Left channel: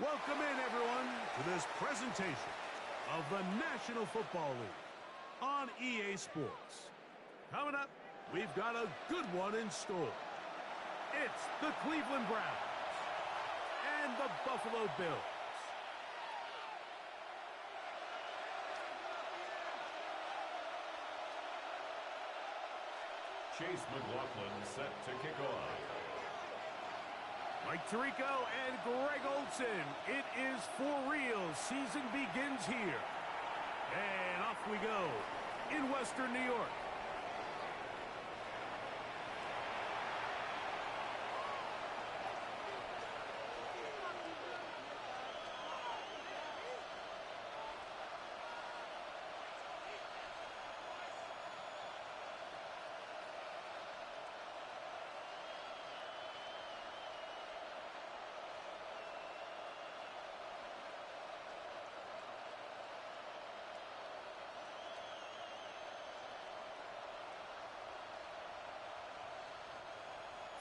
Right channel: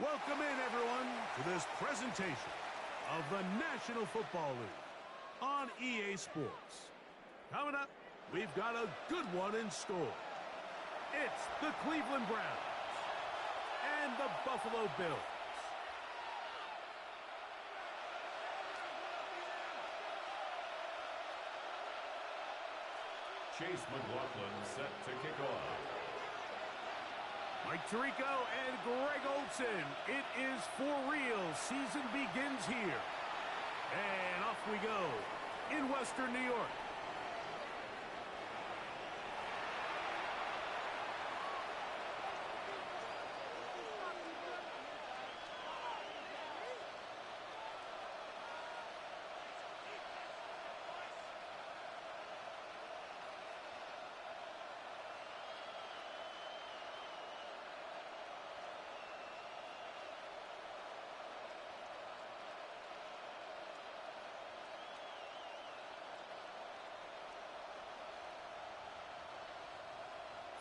Welcome in, everyone, to this presentation of the National Football League on EA Sports. Coming up, we've got a good one in store. It's the Cleveland Browns and the Buffalo Bills. Chase McLaughlin set to kick off. Mike Tirico and Greg Olson. It is for real. Season begins here. And off we go in Western New York.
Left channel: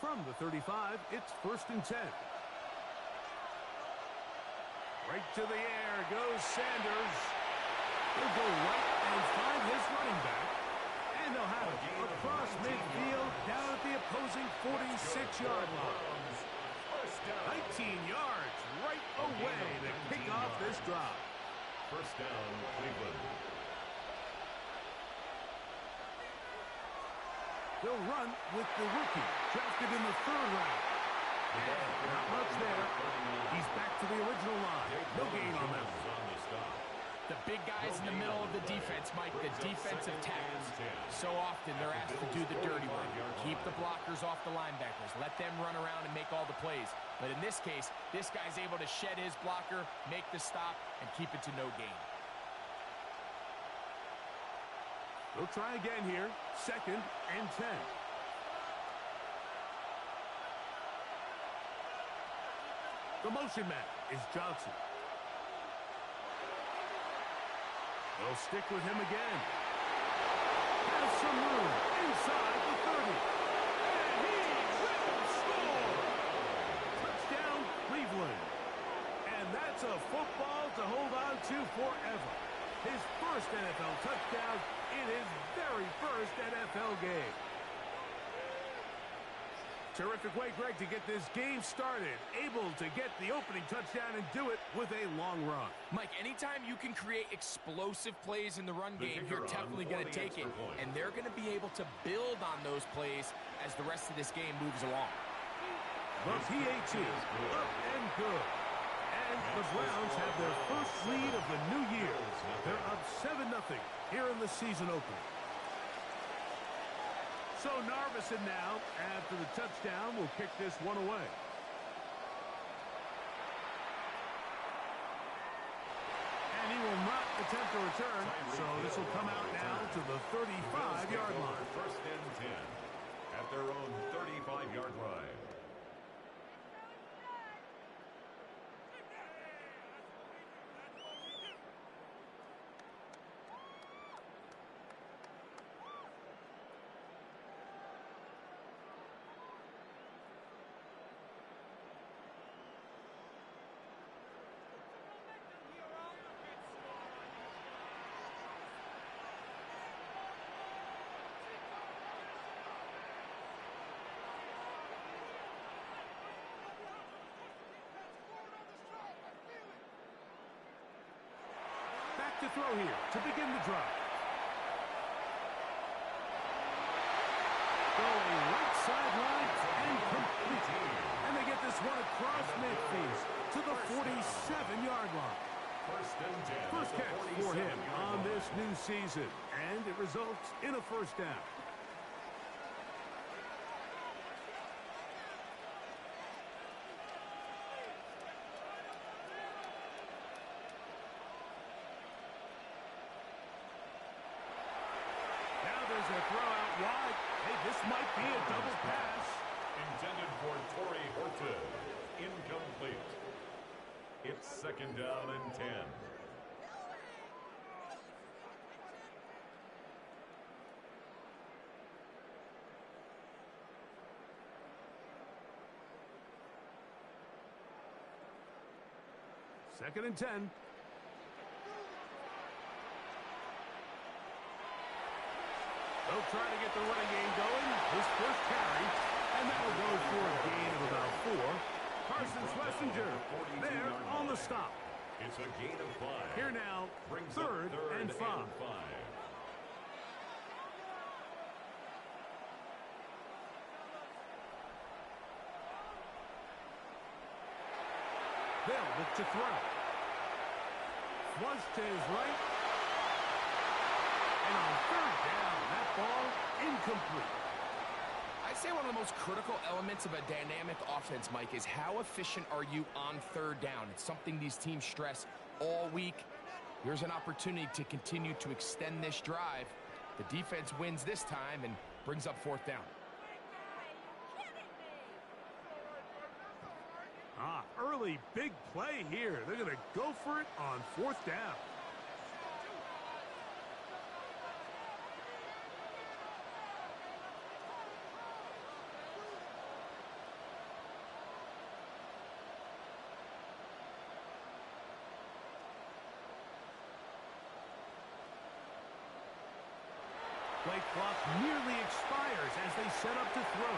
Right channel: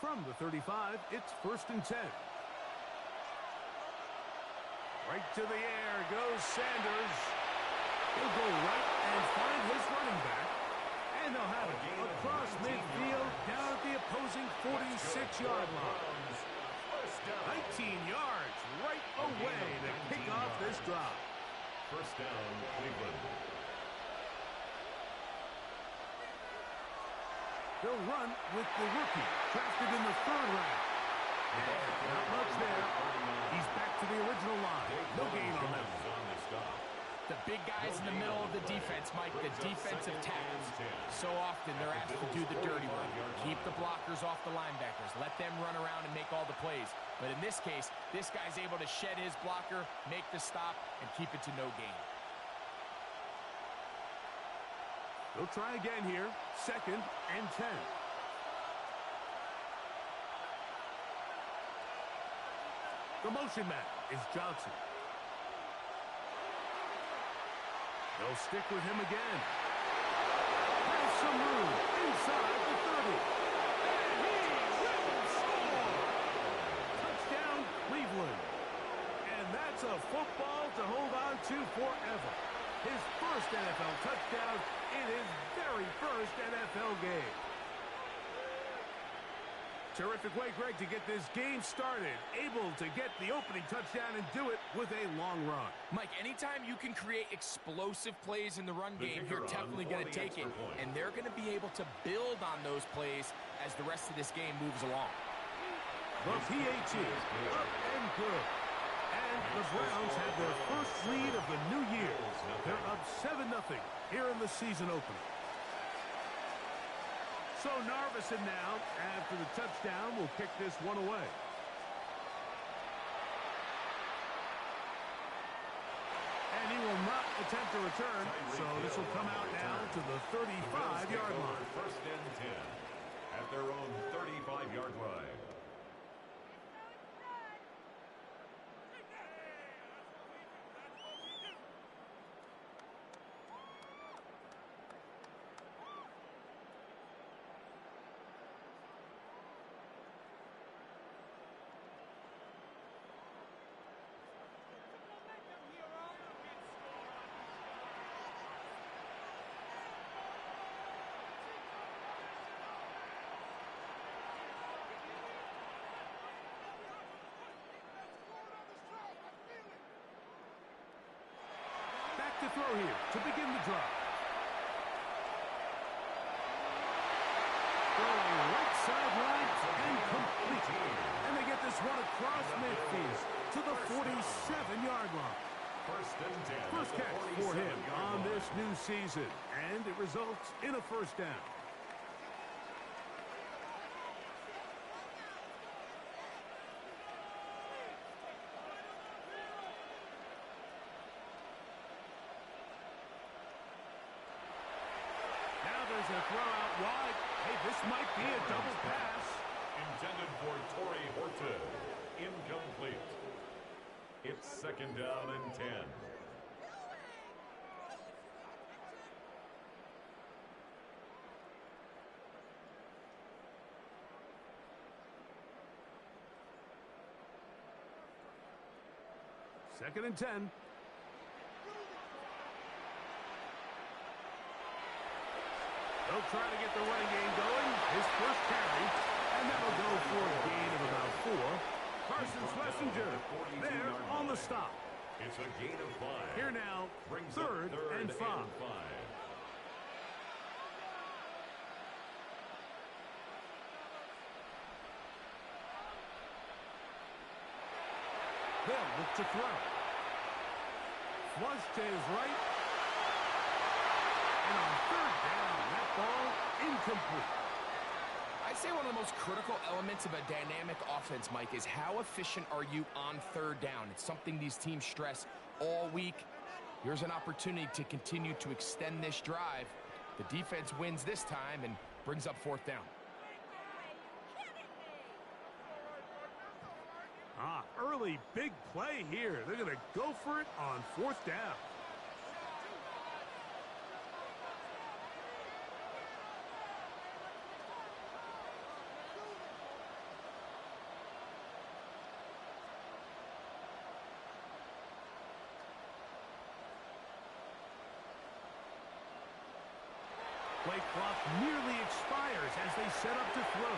From the 35, it's 1st and 10. Right to the air goes Sanders. He'll go right and find his running back. And they'll have it across midfield down at the opposing 46-yard line. 19 yards right away to kick off this drive. First down, Cleveland. They'll run with the rookie, drafted in the 3rd round. And not much there. He's back to the original line. No gain on them. The big guys in the middle of the defense, Mike, the defensive tackles. So often they're asked to do the dirty work. Keep the blockers off the linebackers. Let them run around and make all the plays. But in this case, this guy's able to shed his blocker, make the stop, and keep it to no gain. They'll try again here. 2nd and 10. The motion man is Johnson. They'll stick with him again. Has some room inside the 30. And he will score! Touchdown, Cleveland. And that's a football to hold on to forever. His first NFL touchdown in his very first NFL game. Terrific way, Greg, to get this game started. Able to get the opening touchdown and do it with a long run. Mike, anytime you can create explosive plays in the run game, you're definitely going to take it. And they're going to be able to build on those plays as the rest of this game moves along. The PAT, up and good. And the Browns have their first lead of the new year. They're up 7-0 here in the season opener. So Narveson now, after the touchdown, will kick this one away. And he will not attempt a return, so this will come out now to the 35-yard line. 1st and 10 at their own 35-yard line. Back to throw here to begin the drive. Going right sideline and complete. And they get this one across midfield to the 47-yard line. 1st and 10. First catch for him on this new season. And it results in a first down. There's a throw out wide. Hey, this might be a double pass. Intended for Torrey Horton. Incomplete. It's 2nd down and 10. 2nd and 10. They'll try to get the running game going. His first carry, and that'll go for a gain of about 4. Carson Schlesinger there on the stop. It's a gain of 5. Here now, Brings third and 5. They'll look to throw. Flush to his right. And on 3rd down, that ball incomplete. I'd say one of the most critical elements of a dynamic offense, Mike, is how efficient are you on 3rd down. It's something these teams stress all week. Here's an opportunity to continue to extend this drive. The defense wins this time and brings up 4th down. Early big play here. They're going to go for it on 4th down. Play clock nearly expires as they set up to throw.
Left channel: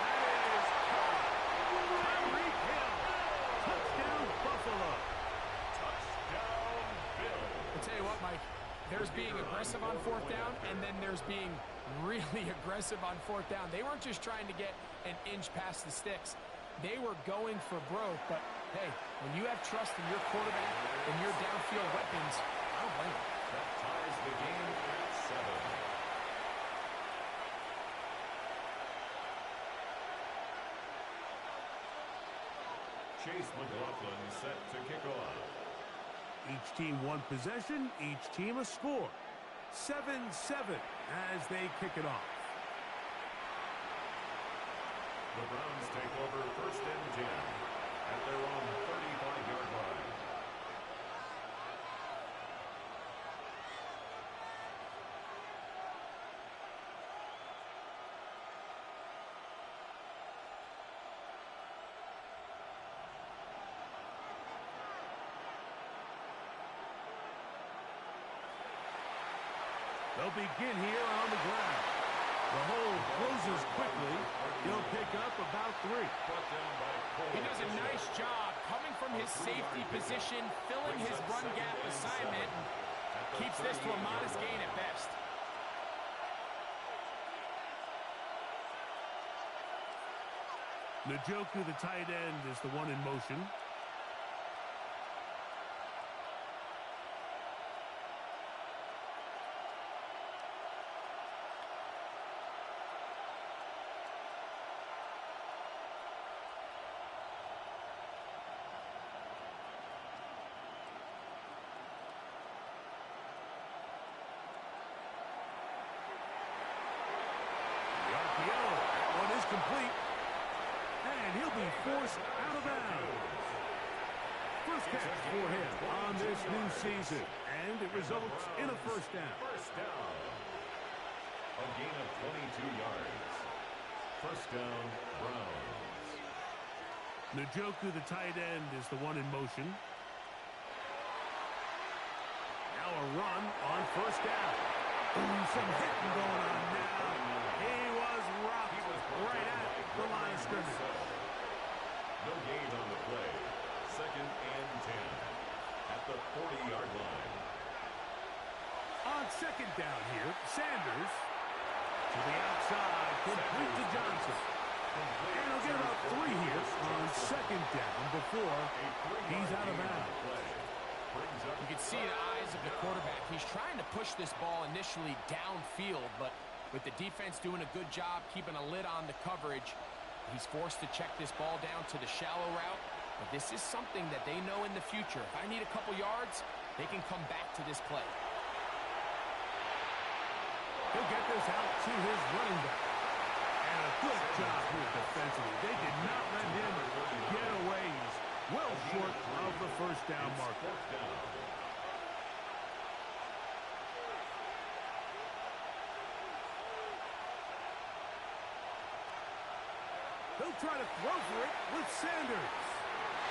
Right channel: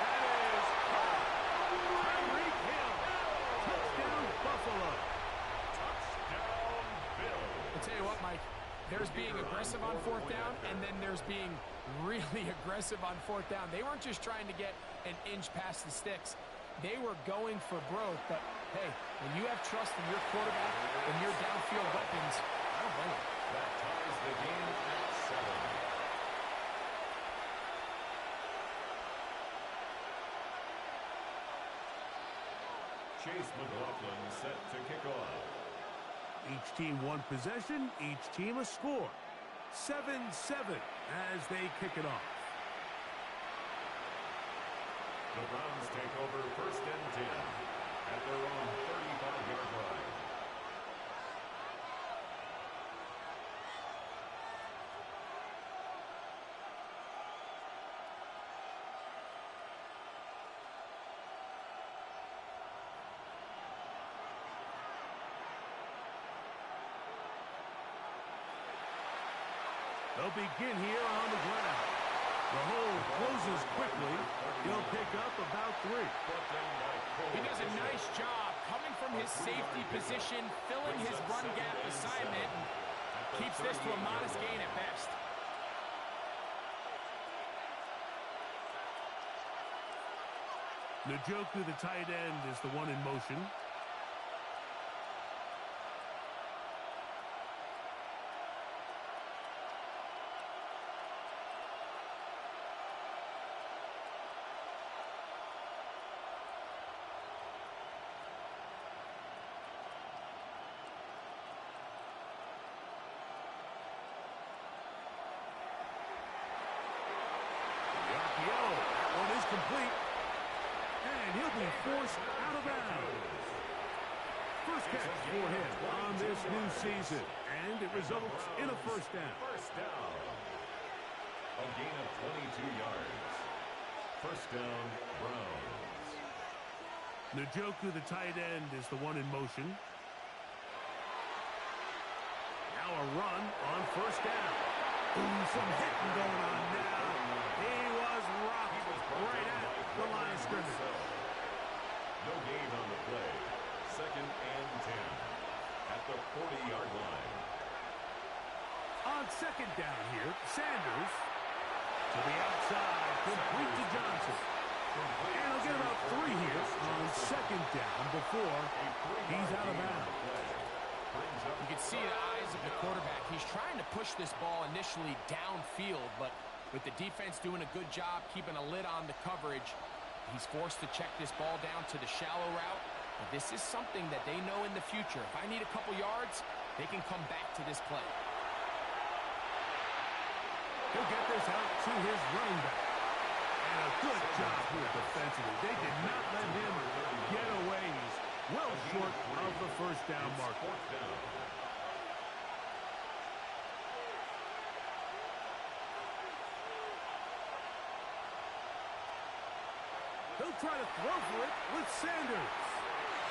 That is caught. Tyreek Hill. Touchdown, Buffalo. Touchdown, Bill. I'll tell you what, Mike, there's being aggressive on 4th down, and then there's being really aggressive on 4th down. They weren't just trying to get an inch past the sticks. They were going for broke, but hey, when you have trust in your quarterback and your downfield weapons, I don't blame them. That ties the game at 7. Chase McLaughlin set to kick off. Each team one possession, each team a score. 7-7 as they kick it off. The Browns take over 1st and 10 at their own 35-yard line. They'll begin here on the ground. The hole closes quickly. He'll pick up about 3. He does a nice job coming from his safety position, filling his run gap assignment, and keeps this to a modest gain at best. Njoku, the tight end, is the one in motion. That one is complete. And he'll be forced out of bounds. First catch for him on this new season. And it results in a 1st down. First down. A gain of 22 yards. 1st down, Browns. Njoku, the tight end, is the one in motion. Now a run on 1st down. Ooh, some hitting going on now. He was rocked right at the line of scrimmage. No gain on the play. 2nd and 10 at the 40-yard line. On 2nd down here, Sanders to the outside, complete to Johnson. And he'll get about 3 here on 2nd down before he's out of bounds. You can see the eyes of the quarterback. He's trying to push this ball initially downfield, but with the defense doing a good job keeping a lid on the coverage, he's forced to check this ball down to the shallow route. But this is something that they know in the future. If I need a couple yards, they can come back to this play. He'll get this out to his running back. And a good job here defensively. They did not let him get away. He's well short of the 1st down marker. He'll try to throw for it with Sanders.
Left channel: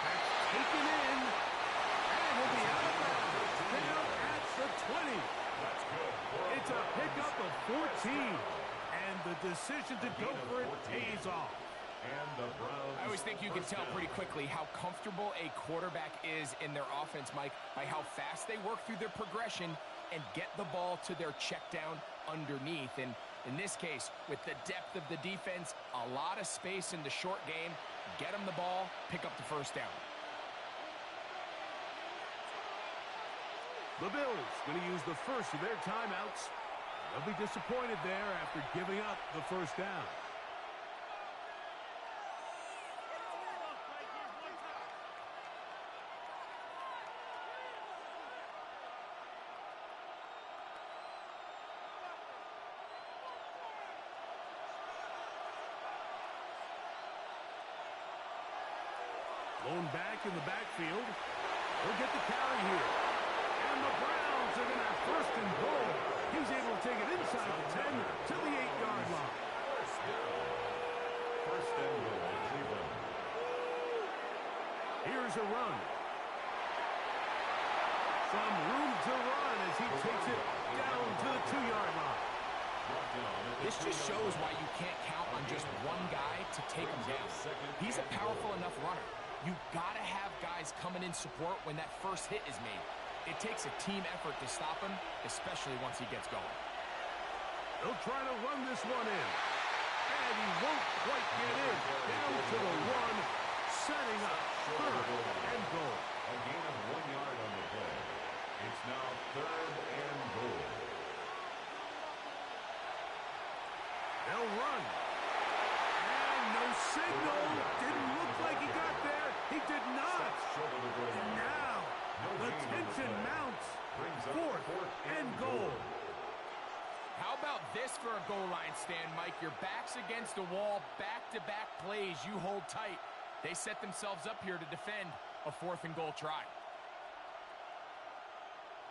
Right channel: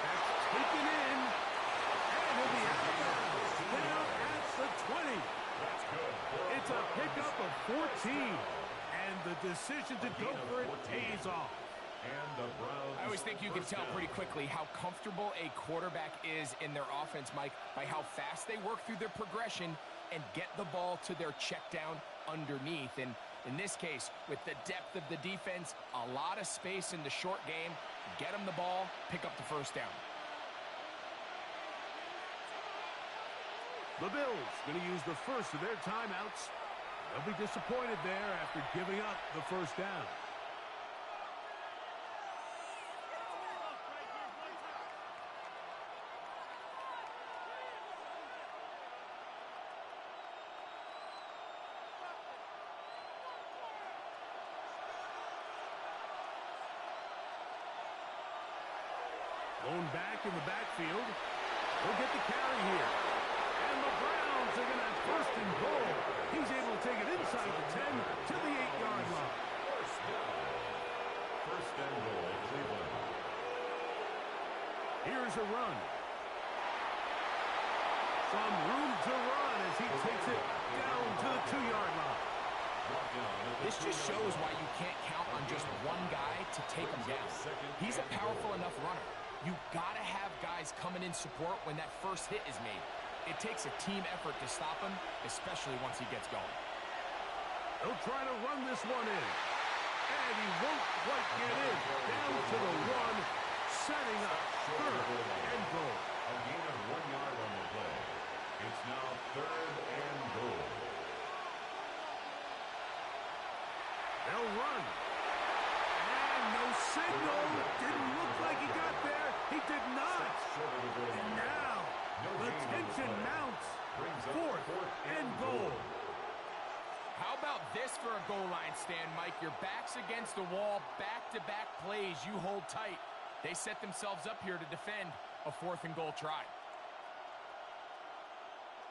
That's taken in. And he'll be out of bounds. Down at the 20. That's good. It's a pickup of 14. And the decision to go for it pays off. And the Browns. I always think you can tell pretty quickly how comfortable a quarterback is in their offense, Mike, by how fast they work through their progression and get the ball to their check down underneath. And in this case, with the depth of the defense, a lot of space in the short game, get them the ball, pick up the first down. The Bills going to use the first of their timeouts. They'll be disappointed there after giving up the first down. Lone back in the backfield. He'll get the carry here. And the Browns are going to have first and goal. He's able to take it inside the 10 to the 8-yard line. First down. First and goal, Cleveland. Here's a run. Some room to run as he takes it down to the 2-yard line. This just shows why you can't count on just one guy to take him down. He's a powerful enough runner. You've got to have guys coming in support when that first hit is made. It takes a team effort to stop him, especially once he gets going. He'll try to run this one in. And he won't quite get in. Down to the 1, setting up third and goal. A gain of 1 yard on the play. It's now third and goal. They'll run. And no signal. Didn't look like he got there. He did not. And now the tension mounts. Fourth and goal. How about this for a goal line stand, Mike? Your back's against the wall, back-to-back plays. You hold tight. They set themselves up here to defend a 4th and goal try.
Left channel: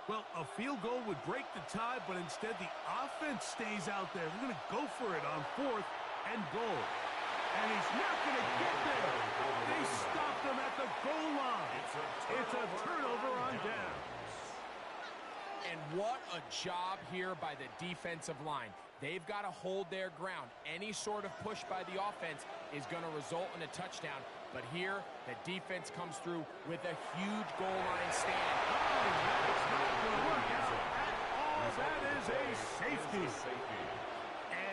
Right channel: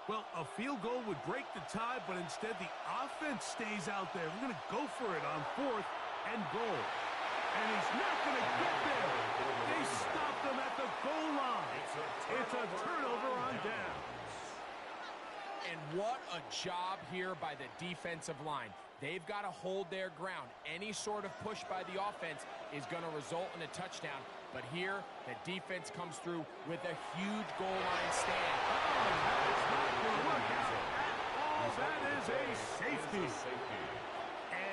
Well, a field goal would break the tie, but instead the offense stays out there. They're going to go for it on 4th and goal. And he's not going to get there. They stopped him at the goal line. It's a turnover on down. And what a job here by the defensive line. They've got to hold their ground. Any sort of push by the offense is going to result in a touchdown. But here, the defense comes through with a huge goal line stand. Oh, that's not going to work out at all. That is a safety.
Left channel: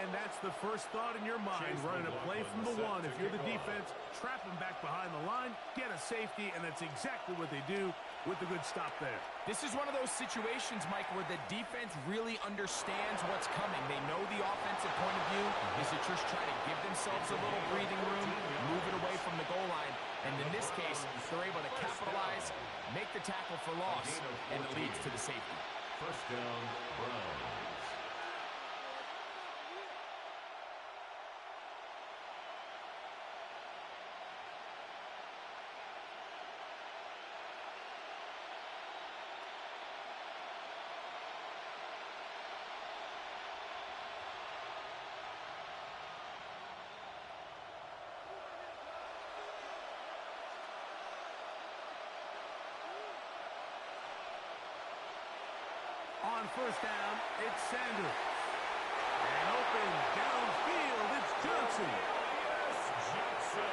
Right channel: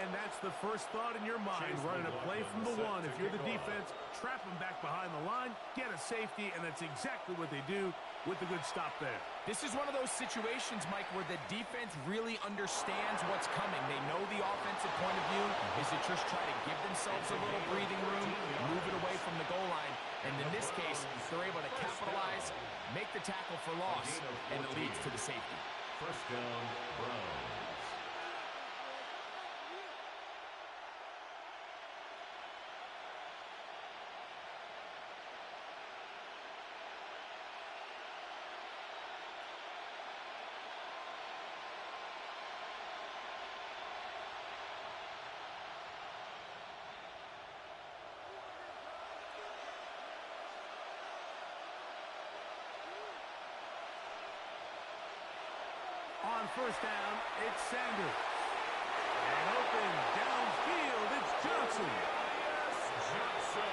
And that's the first thought in your mind, running a play from the 1. If you're the defense, trap him back behind the line, get a safety, and that's exactly what they do with the good stop there. This is one of those situations, Mike, where the defense really understands what's coming. They know the offensive point of view is to just try to give themselves a little breathing room, move it away from the goal line, and in this case, they're able to capitalize, make the tackle for loss, and it leads to the safety. First down, Browns. On first down, it's Sanders. And open downfield, it's Johnson. Yes, Johnson.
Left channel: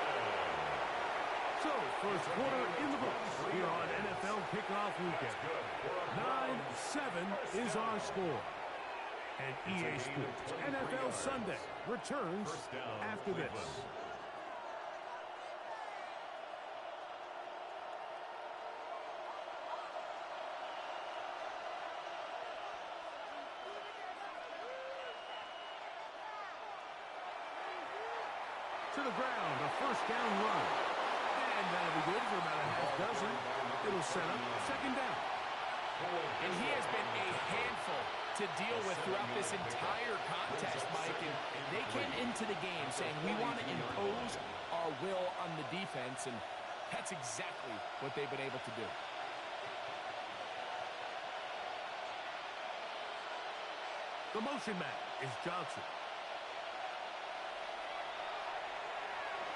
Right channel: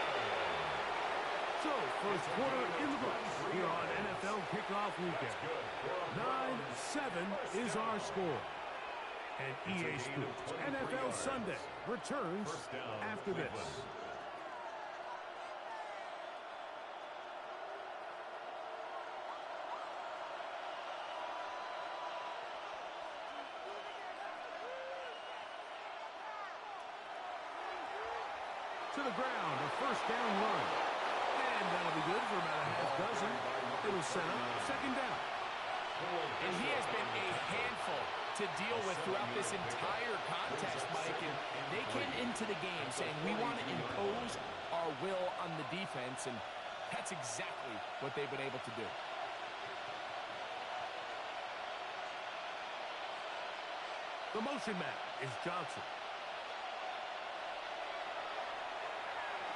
So, first quarter in the books here on NFL Kickoff Weekend. 9-7 is our score. And EA Sports NFL Sunday returns after this. To the ground, a first down run. And that'll be good for about a half dozen. It'll set up second down. And he has been a handful to deal with throughout this entire contest, Mike. And they came into the game saying, we want to impose our will on the defense. And that's exactly what they've been able to do. The motion man is Johnson.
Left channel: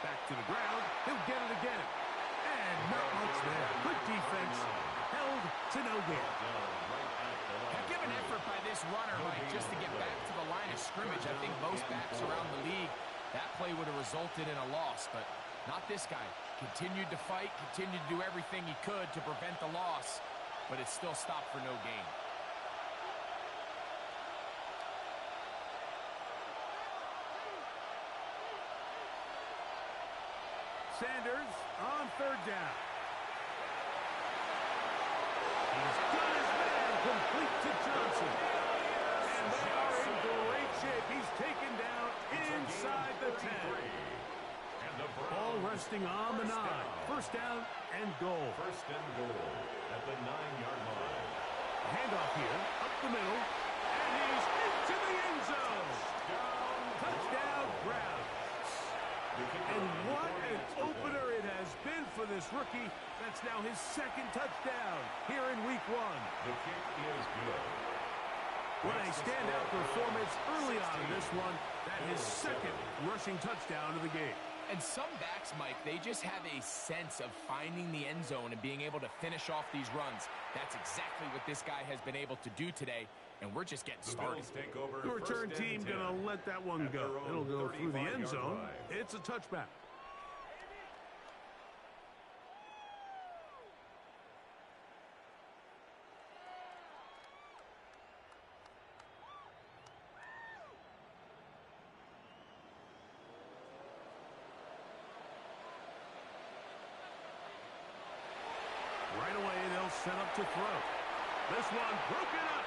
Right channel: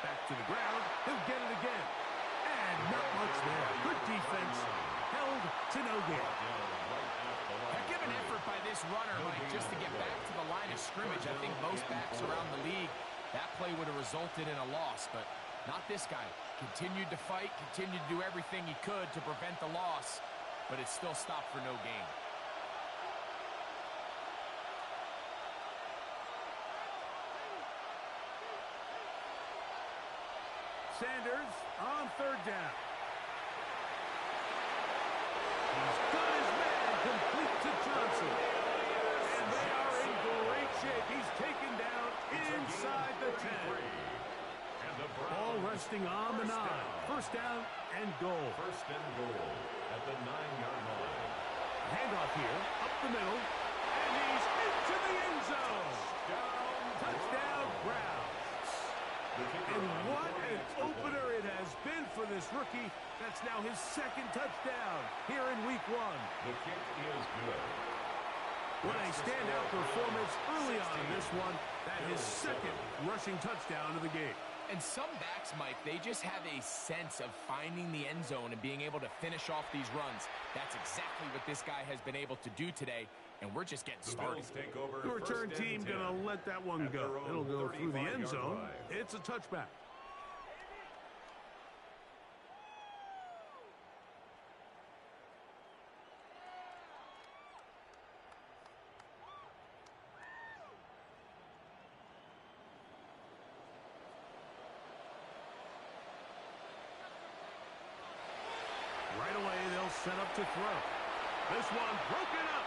Back to the ground. He'll get it again. And not much there. Good defense. Held to no gain. Heck of an effort by this runner, Mike, just to get back to the line of scrimmage. I think most backs around the league, that play would have resulted in a loss, but not this guy. Continued to fight, continued to do everything he could to prevent the loss, but it still stopped for no gain. Sanders on third down. He's got his man complete to Johnson. And they are in great shape. He's taken down inside the 10. Ball resting on the 9. First down and goal. First and goal at the 9-yard line. Handoff here, up the middle, and he's into the end zone. Touchdown, Browns. And what an opener it has been for this rookie. That's now his second touchdown here in week 1. The kick is good. What a standout performance early on in this one. That his second rushing touchdown of the game. And some backs, Mike, they just have a sense of finding the end zone and being able to finish off these runs. That's exactly what this guy has been able to do today, and we're just getting started. The return team going to let that one go. It'll go through the end zone. It's a touchback. Right away, they'll set up to throw. This one broken up.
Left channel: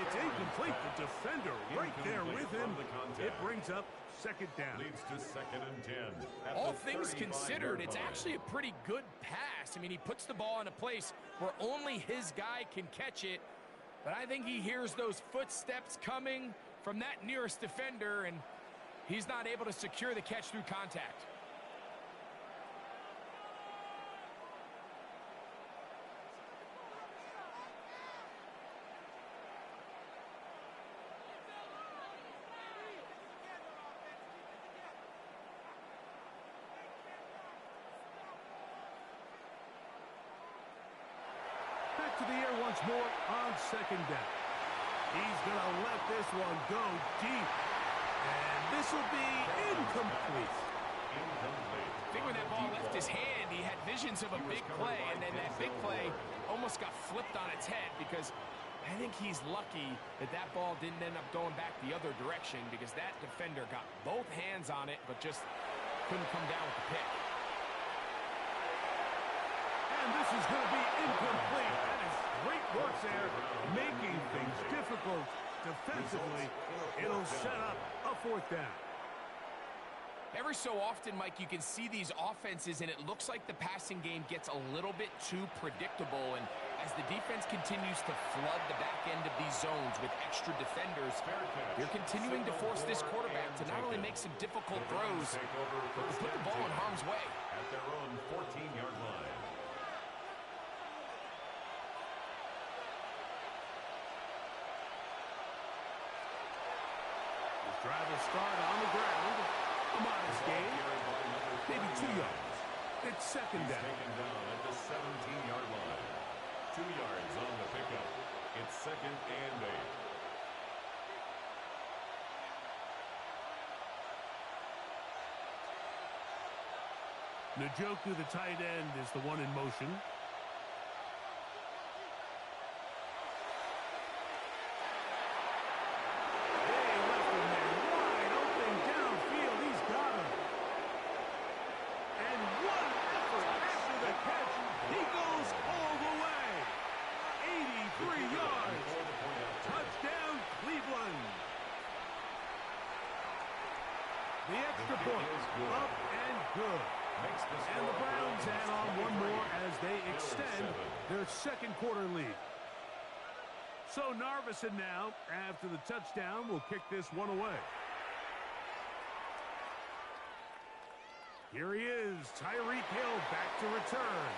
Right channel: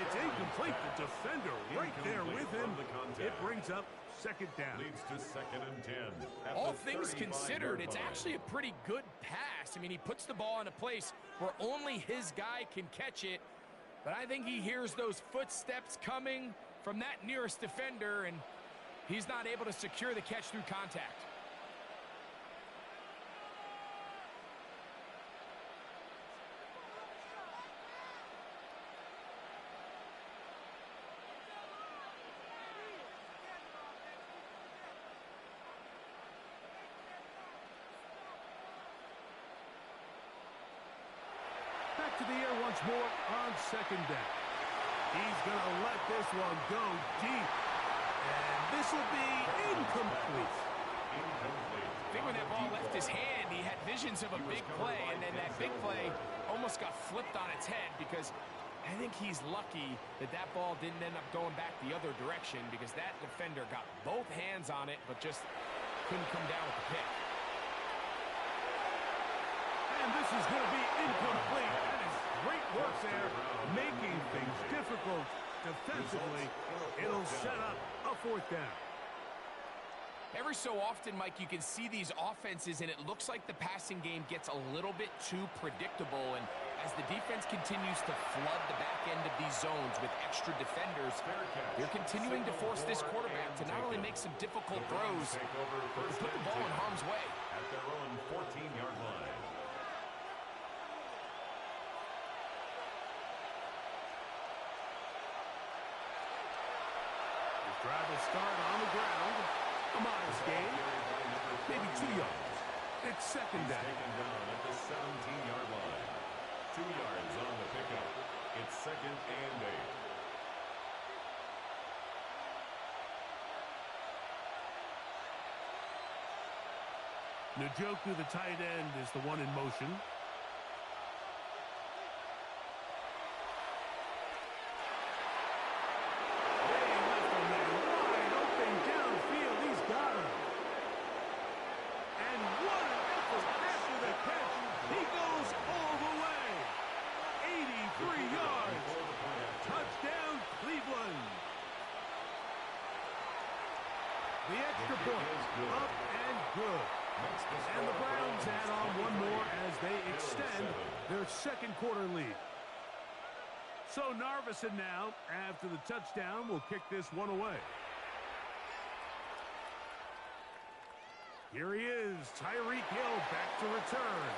It's incomplete. The defender right there with him. It brings up second down. Leads to second and 10. All things considered, it's actually a pretty good pass. I mean, he puts the ball in a place where only his guy can catch it. But I think he hears those footsteps coming from that nearest defender, and he's not able to secure the catch through contact. Back to the air once more on second down. He's going to let this one go deep. And this will be incomplete. I think when that ball left his hand, he had visions of a big play, and then that big play almost got flipped on its head because I think he's lucky that that ball didn't end up going back the other direction because that defender got both hands on it but just couldn't come down with the pick. And this is going to be incomplete. That is great work there, making things difficult defensively. It'll set up a fourth down. Every so often, Mike, you can see these offenses, and it looks like the passing game gets a little bit too predictable. And as the defense continues to flood the back end of these zones with extra defenders, they're continuing to force this quarterback to not only make some difficult throws, but to put the ball in harm's way. At their own 14-yard line. Drive will start on the ground. A modest gain. Maybe 2 yards. It's second down. Taken down at the 17-yard line. 2 yards on the pickup. It's second and 8. Njoku, the tight end, is the one in motion. The extra point, up and good. And the Browns add on one more as they extend their second quarter lead. So Narveson now, after the touchdown, will kick this one away. Here he is, Tyreek Hill back to return.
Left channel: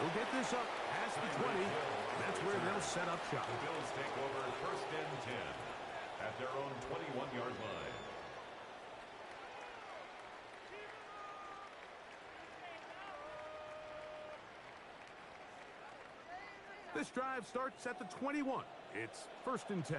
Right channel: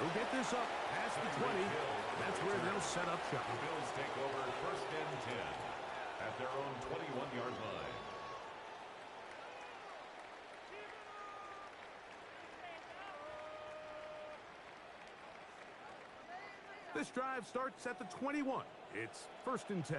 He'll get this up past the 20. That's where they'll set up shop. The Bills take over first and 10 at their own 21-yard line. This drive starts at the 21. It's 1st and 10.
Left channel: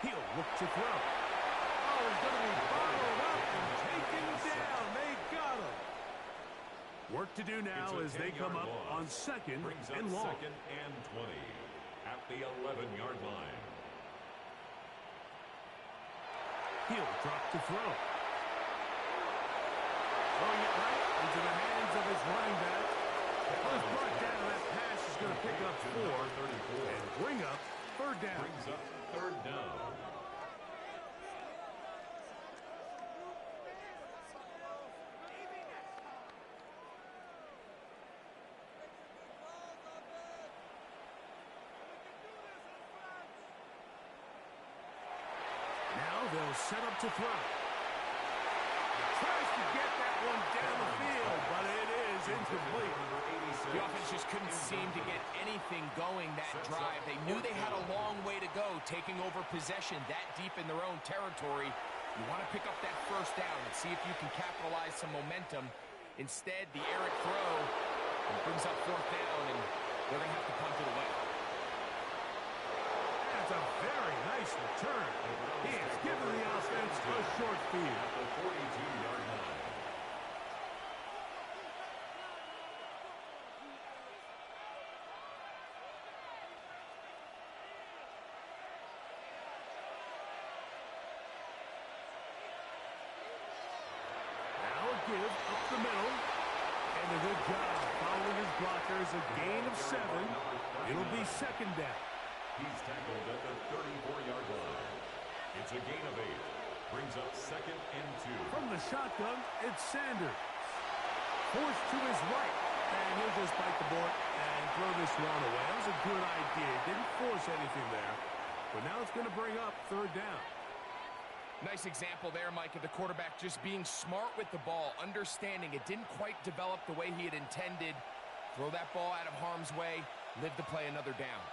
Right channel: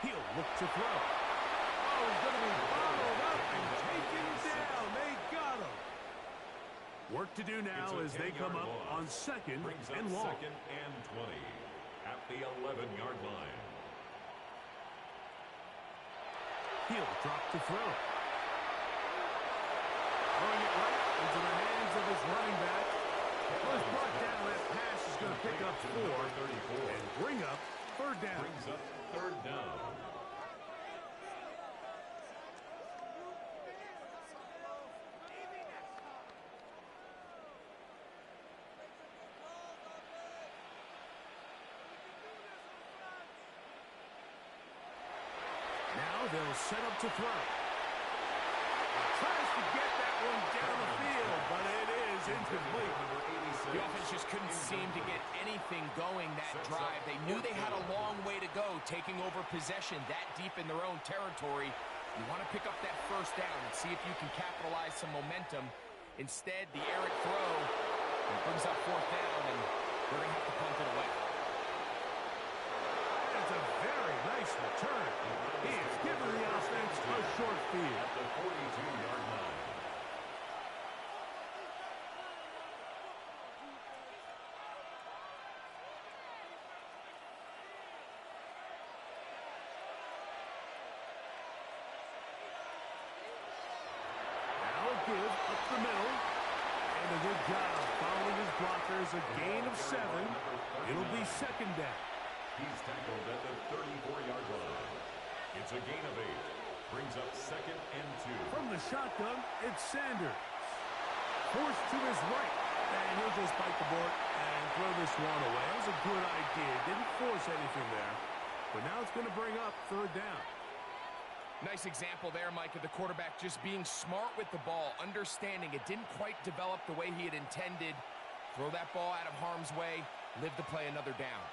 He'll look to throw. Oh, he's going to be bottled up and taken down. They got him. Work to do now as they come up on 2nd and long. 2nd and 20 at the 11-yard line. He'll drop to throw. Throwing it right into the hands of his running back. Well, it's brought down. That pass is going to pick up 4 and bring up 3rd down. Brings up 3rd down. Now they'll set up to throw. Tries to get that one down the field, but it is incomplete. The offense just couldn't seem to get anything going that drive. They knew they had a long way to go, taking over possession that deep in their own territory. You want to pick up that 1st down and see if you can capitalize some momentum. Instead, the Eric throw brings up 4th down, and they're going to have to punt it away. That's a very nice return. He has given the offense a short field. At the 42-yard line. Now a give up the middle. And a good job following his blockers. A gain of 7. It'll be 2nd down. He's tackled at the 34-yard line. It's a gain of 8. Brings up 2nd and 2. From the shotgun, it's Sanders. Forced to his right. And he'll just bite the board and throw this one away. That was a good idea. Didn't force anything there. But now it's going to bring up 3rd down. Nice example there, Mike, of the quarterback just being smart with the ball, understanding it didn't quite develop the way he had intended. Throw that ball out of harm's way, live to play another down.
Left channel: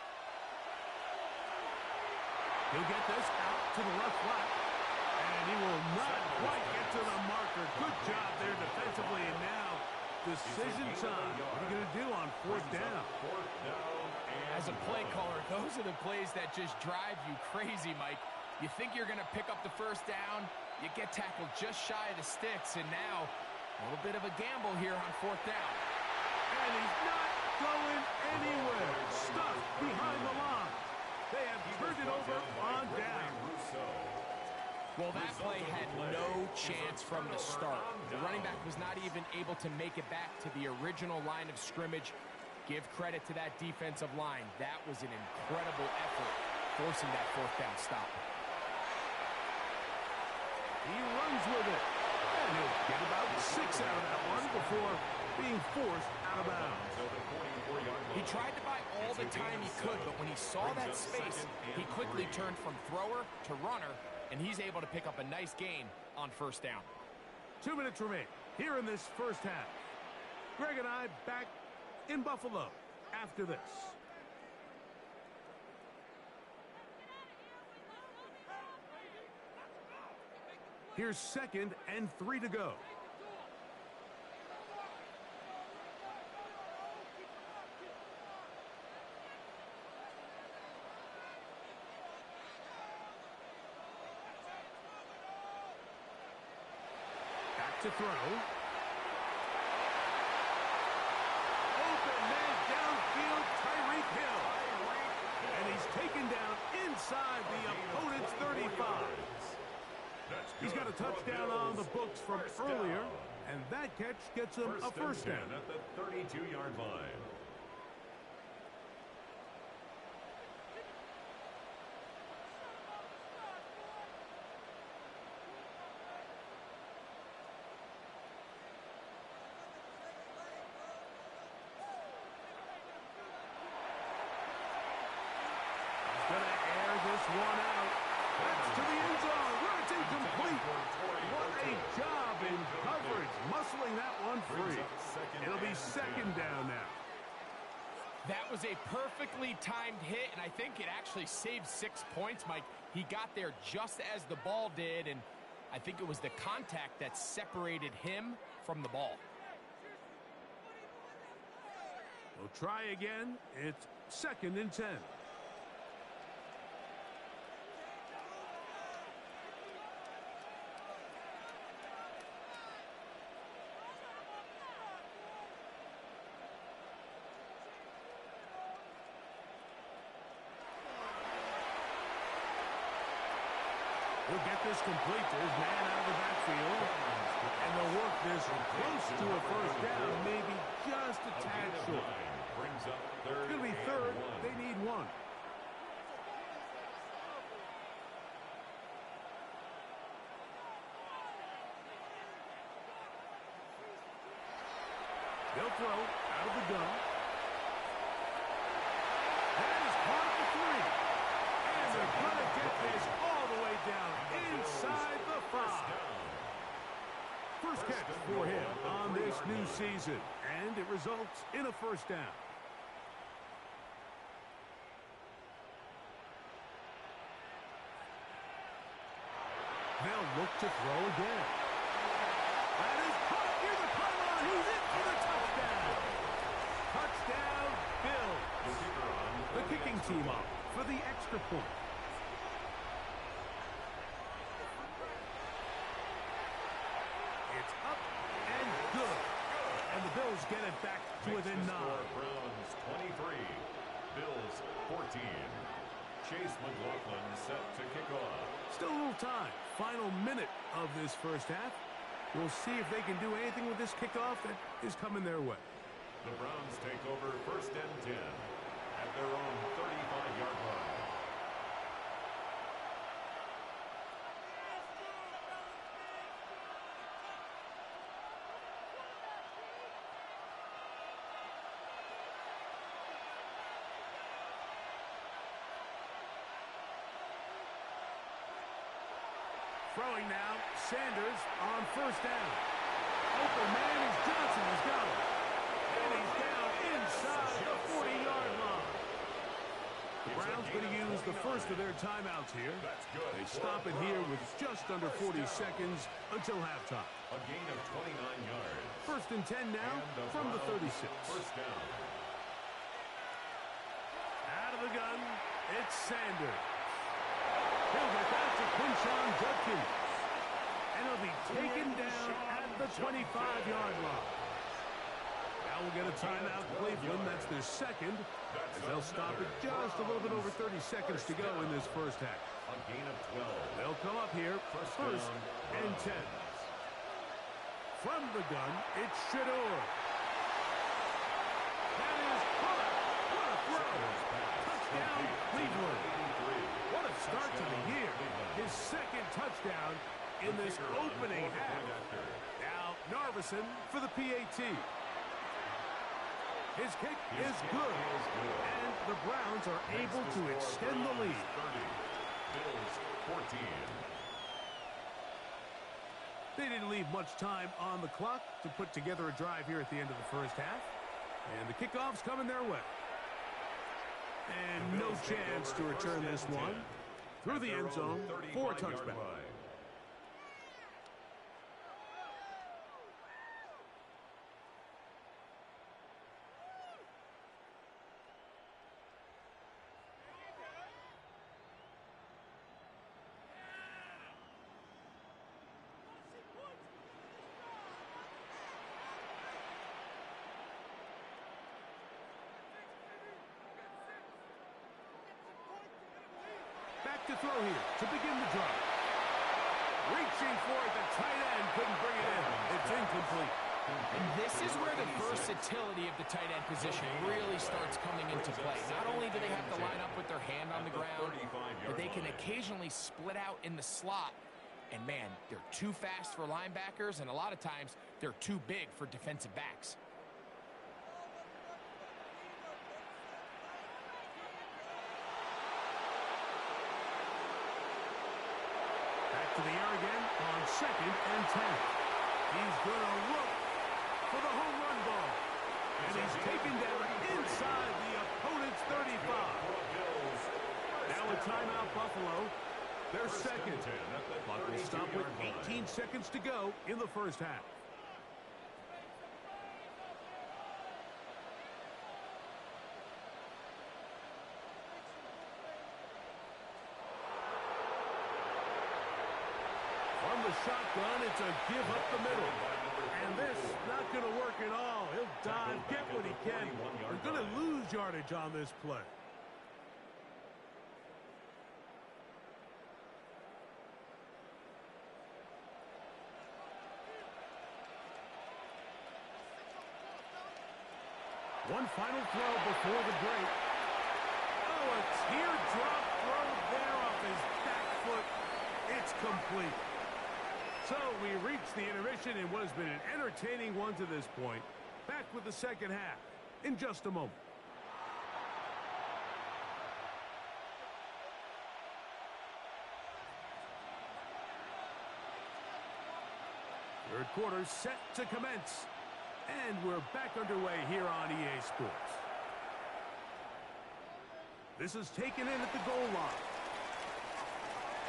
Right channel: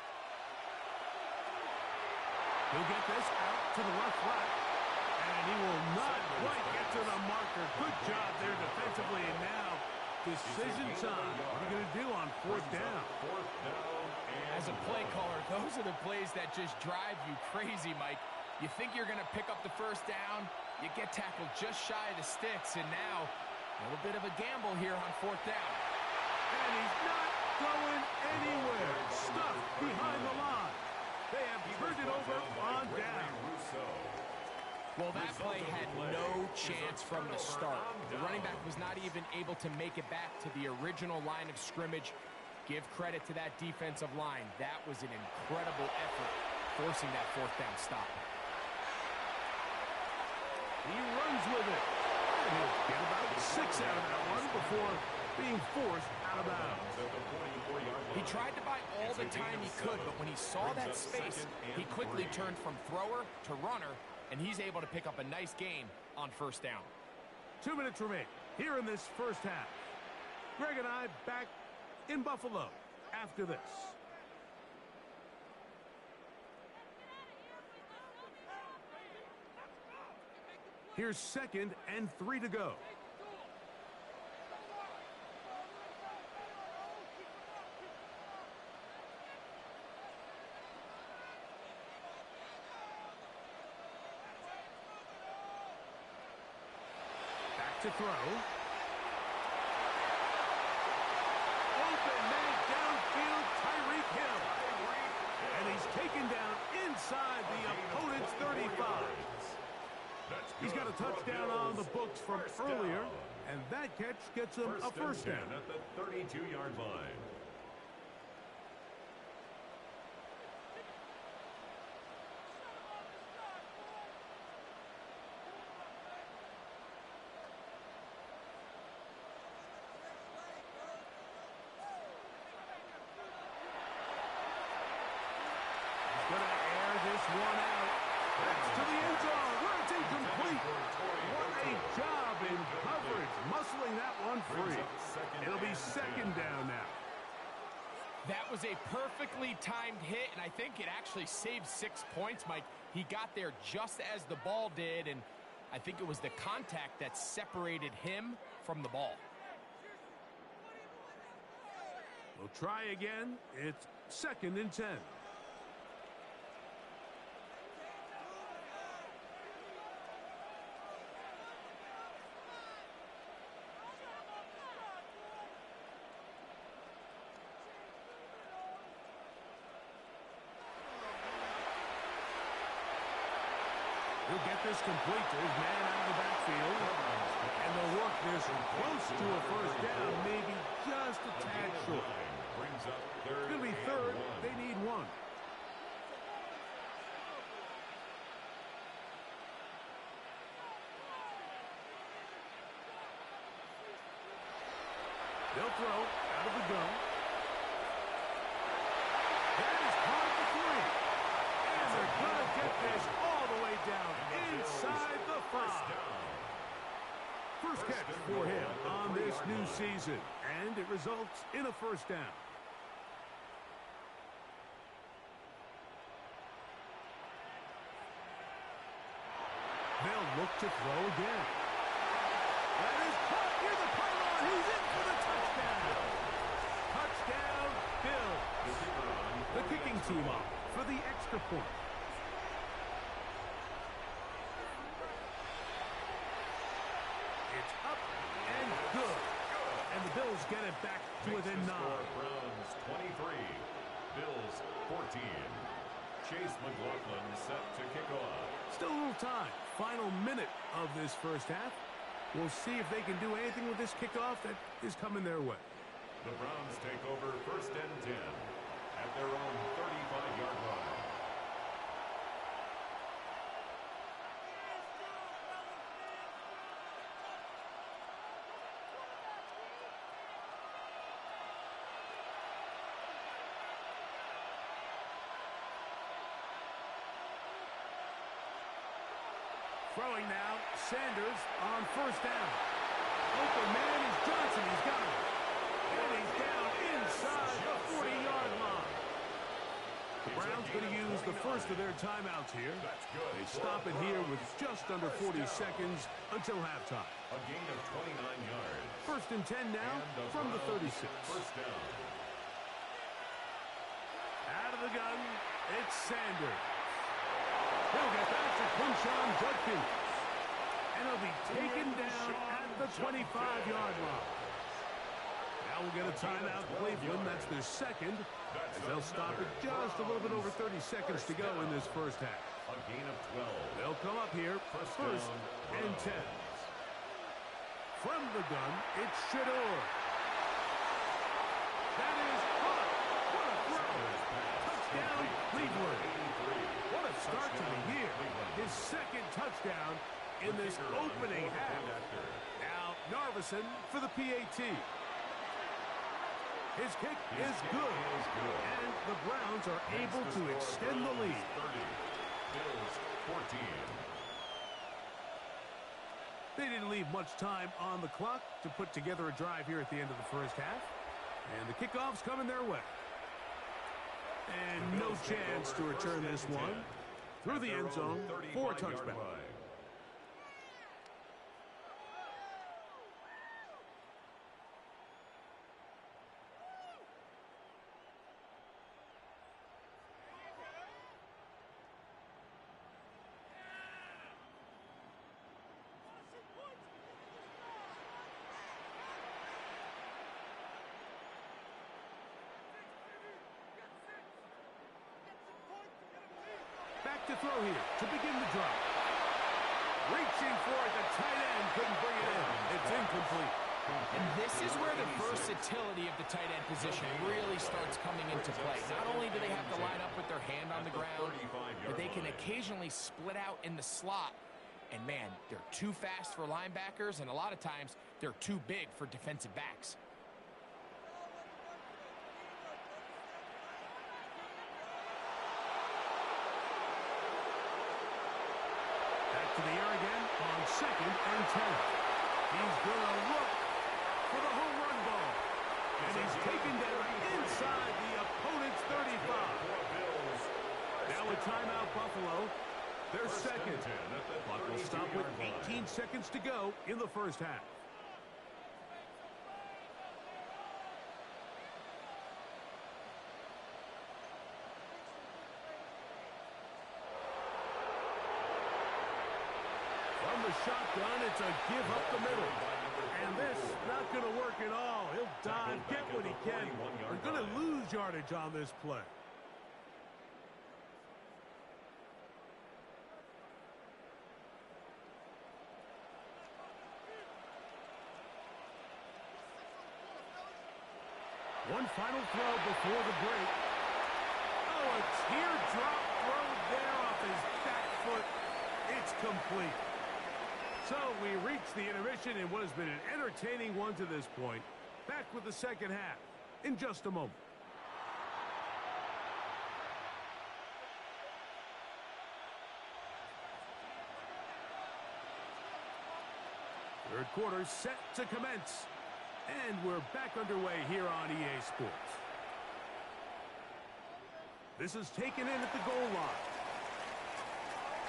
He'll get this out to the left flat, and he will not quite get to the marker. Good job there defensively, and now decision time. What are you going to do on 4th down? As a play caller, those are the plays that just drive you crazy, Mike. You think you're going to pick up the 1st down, you get tackled just shy of the sticks, and now a little bit of a gamble here on 4th down. And he's not going anywhere. Stuck behind the line. They have turned it over on down. Well, that play had no chance from the start. The running back was not even able to make it back to the original line of scrimmage. Give credit to that defensive line. That was an incredible effort, forcing that 4th down stop. He runs with it. And he'll get about 6 out of that one before being forced out of bounds. He tried to buy all the time he could, but when he saw that space, he quickly turned from thrower to runner, and he's able to pick up a nice gain on 1st down. 2 minutes remain here in this 1st half. Greg and I back in Buffalo after this. Here's 2nd and 3 to go. Back to throw. Open man downfield, Tyreek Hill. And he's taken down inside the opponent's 35. He's got a touchdown on the books from earlier, and that catch gets him a 1st down. At the 32-yard line. He's going to air this one out. That's to the end zone, where it's incomplete. What a job in coverage, muscling that one free. It'll be 2nd down now. That was a perfectly timed hit, and I think it actually saved 6 points, Mike. He got there just as the ball did, and I think it was the contact that separated him from the ball. We'll try again. It's 2nd and 10. He'll get this complete to his man out of the backfield. And they'll work this close to a first down, maybe just a tad short. It's going to be 3rd. They need 1. They'll throw out of the gun. That is caught at the 3. And they're going to get this all the way down inside the 5. First catch for him on this new season, and it results in a first down. They'll look to throw again. That is caught near the pylon. He's in for the touchdown. Touchdown, Bill. The kicking team up for the extra point. It's up and good. And the Bills get it back to within 9. Browns 23, Bills 14. Chase McLaughlin set to kick off. Still a little time. Final minute of this first half. We'll see if they can do anything with this kickoff that is coming their way. The Browns take over 1st and 10 at their own 35-yard line. Throwing now, Sanders on first down. Open man is Johnson. He's got him. And he's down inside the 40-yard line. The Browns going to use the first of their timeouts here. They stop it here with just under 40 seconds until halftime. A gain of 29 yards. 1st and 10 now from the 36. First down. Out of the gun, it's Sanders. He'll get back to Quinshon Judkins. And he'll be taken down at the 25-yard line. Now we'll get a timeout, Cleveland. That's their second, as they'll stop it just a little bit over 30 seconds to go in this first half. A gain of 12. They'll come up here, 1st and 10. From the gun, it's Shador. That is caught. What a throw. Touchdown, Cleveland. What a start to the year. His 2nd touchdown in this opening half. Now, Narveson for the PAT. His kick is good. And the Browns are able to extend the lead. 30. Bills 14. They didn't leave much time on the clock to put together a drive here at the end of the first half. And the kickoff's coming their way. And no chance to return this one through the end zone for a touchback. Back to throw here to begin the drive. Reaching for it, the tight end couldn't bring it in. It's incomplete. And this is where the versatility of the tight end position really starts coming into play. Not only do they have to line up with their hand on the ground, but they can occasionally split out in the slot. And man, they're too fast for linebackers, and a lot of times they're too big for defensive backs. Back to the air again on 2nd and 10. He's going to look for the home run ball. And he's taken down inside the opponent's 35. Now a timeout, Buffalo. Their second. Clock will stop with 18 line. seconds to go in the first half. From the shotgun, it's a give up the middle. And this not going to work at all. He'll dive, get what he can. We're going to lose yardage on this play. One final throw before the break. Oh, a teardrop throw there off his back foot. It's complete. So we reach the intermission in what has been an entertaining one to this point. Back with the second half in just a moment. Third quarter set to commence. And we're back underway here on EA Sports. This is taken in at the goal line.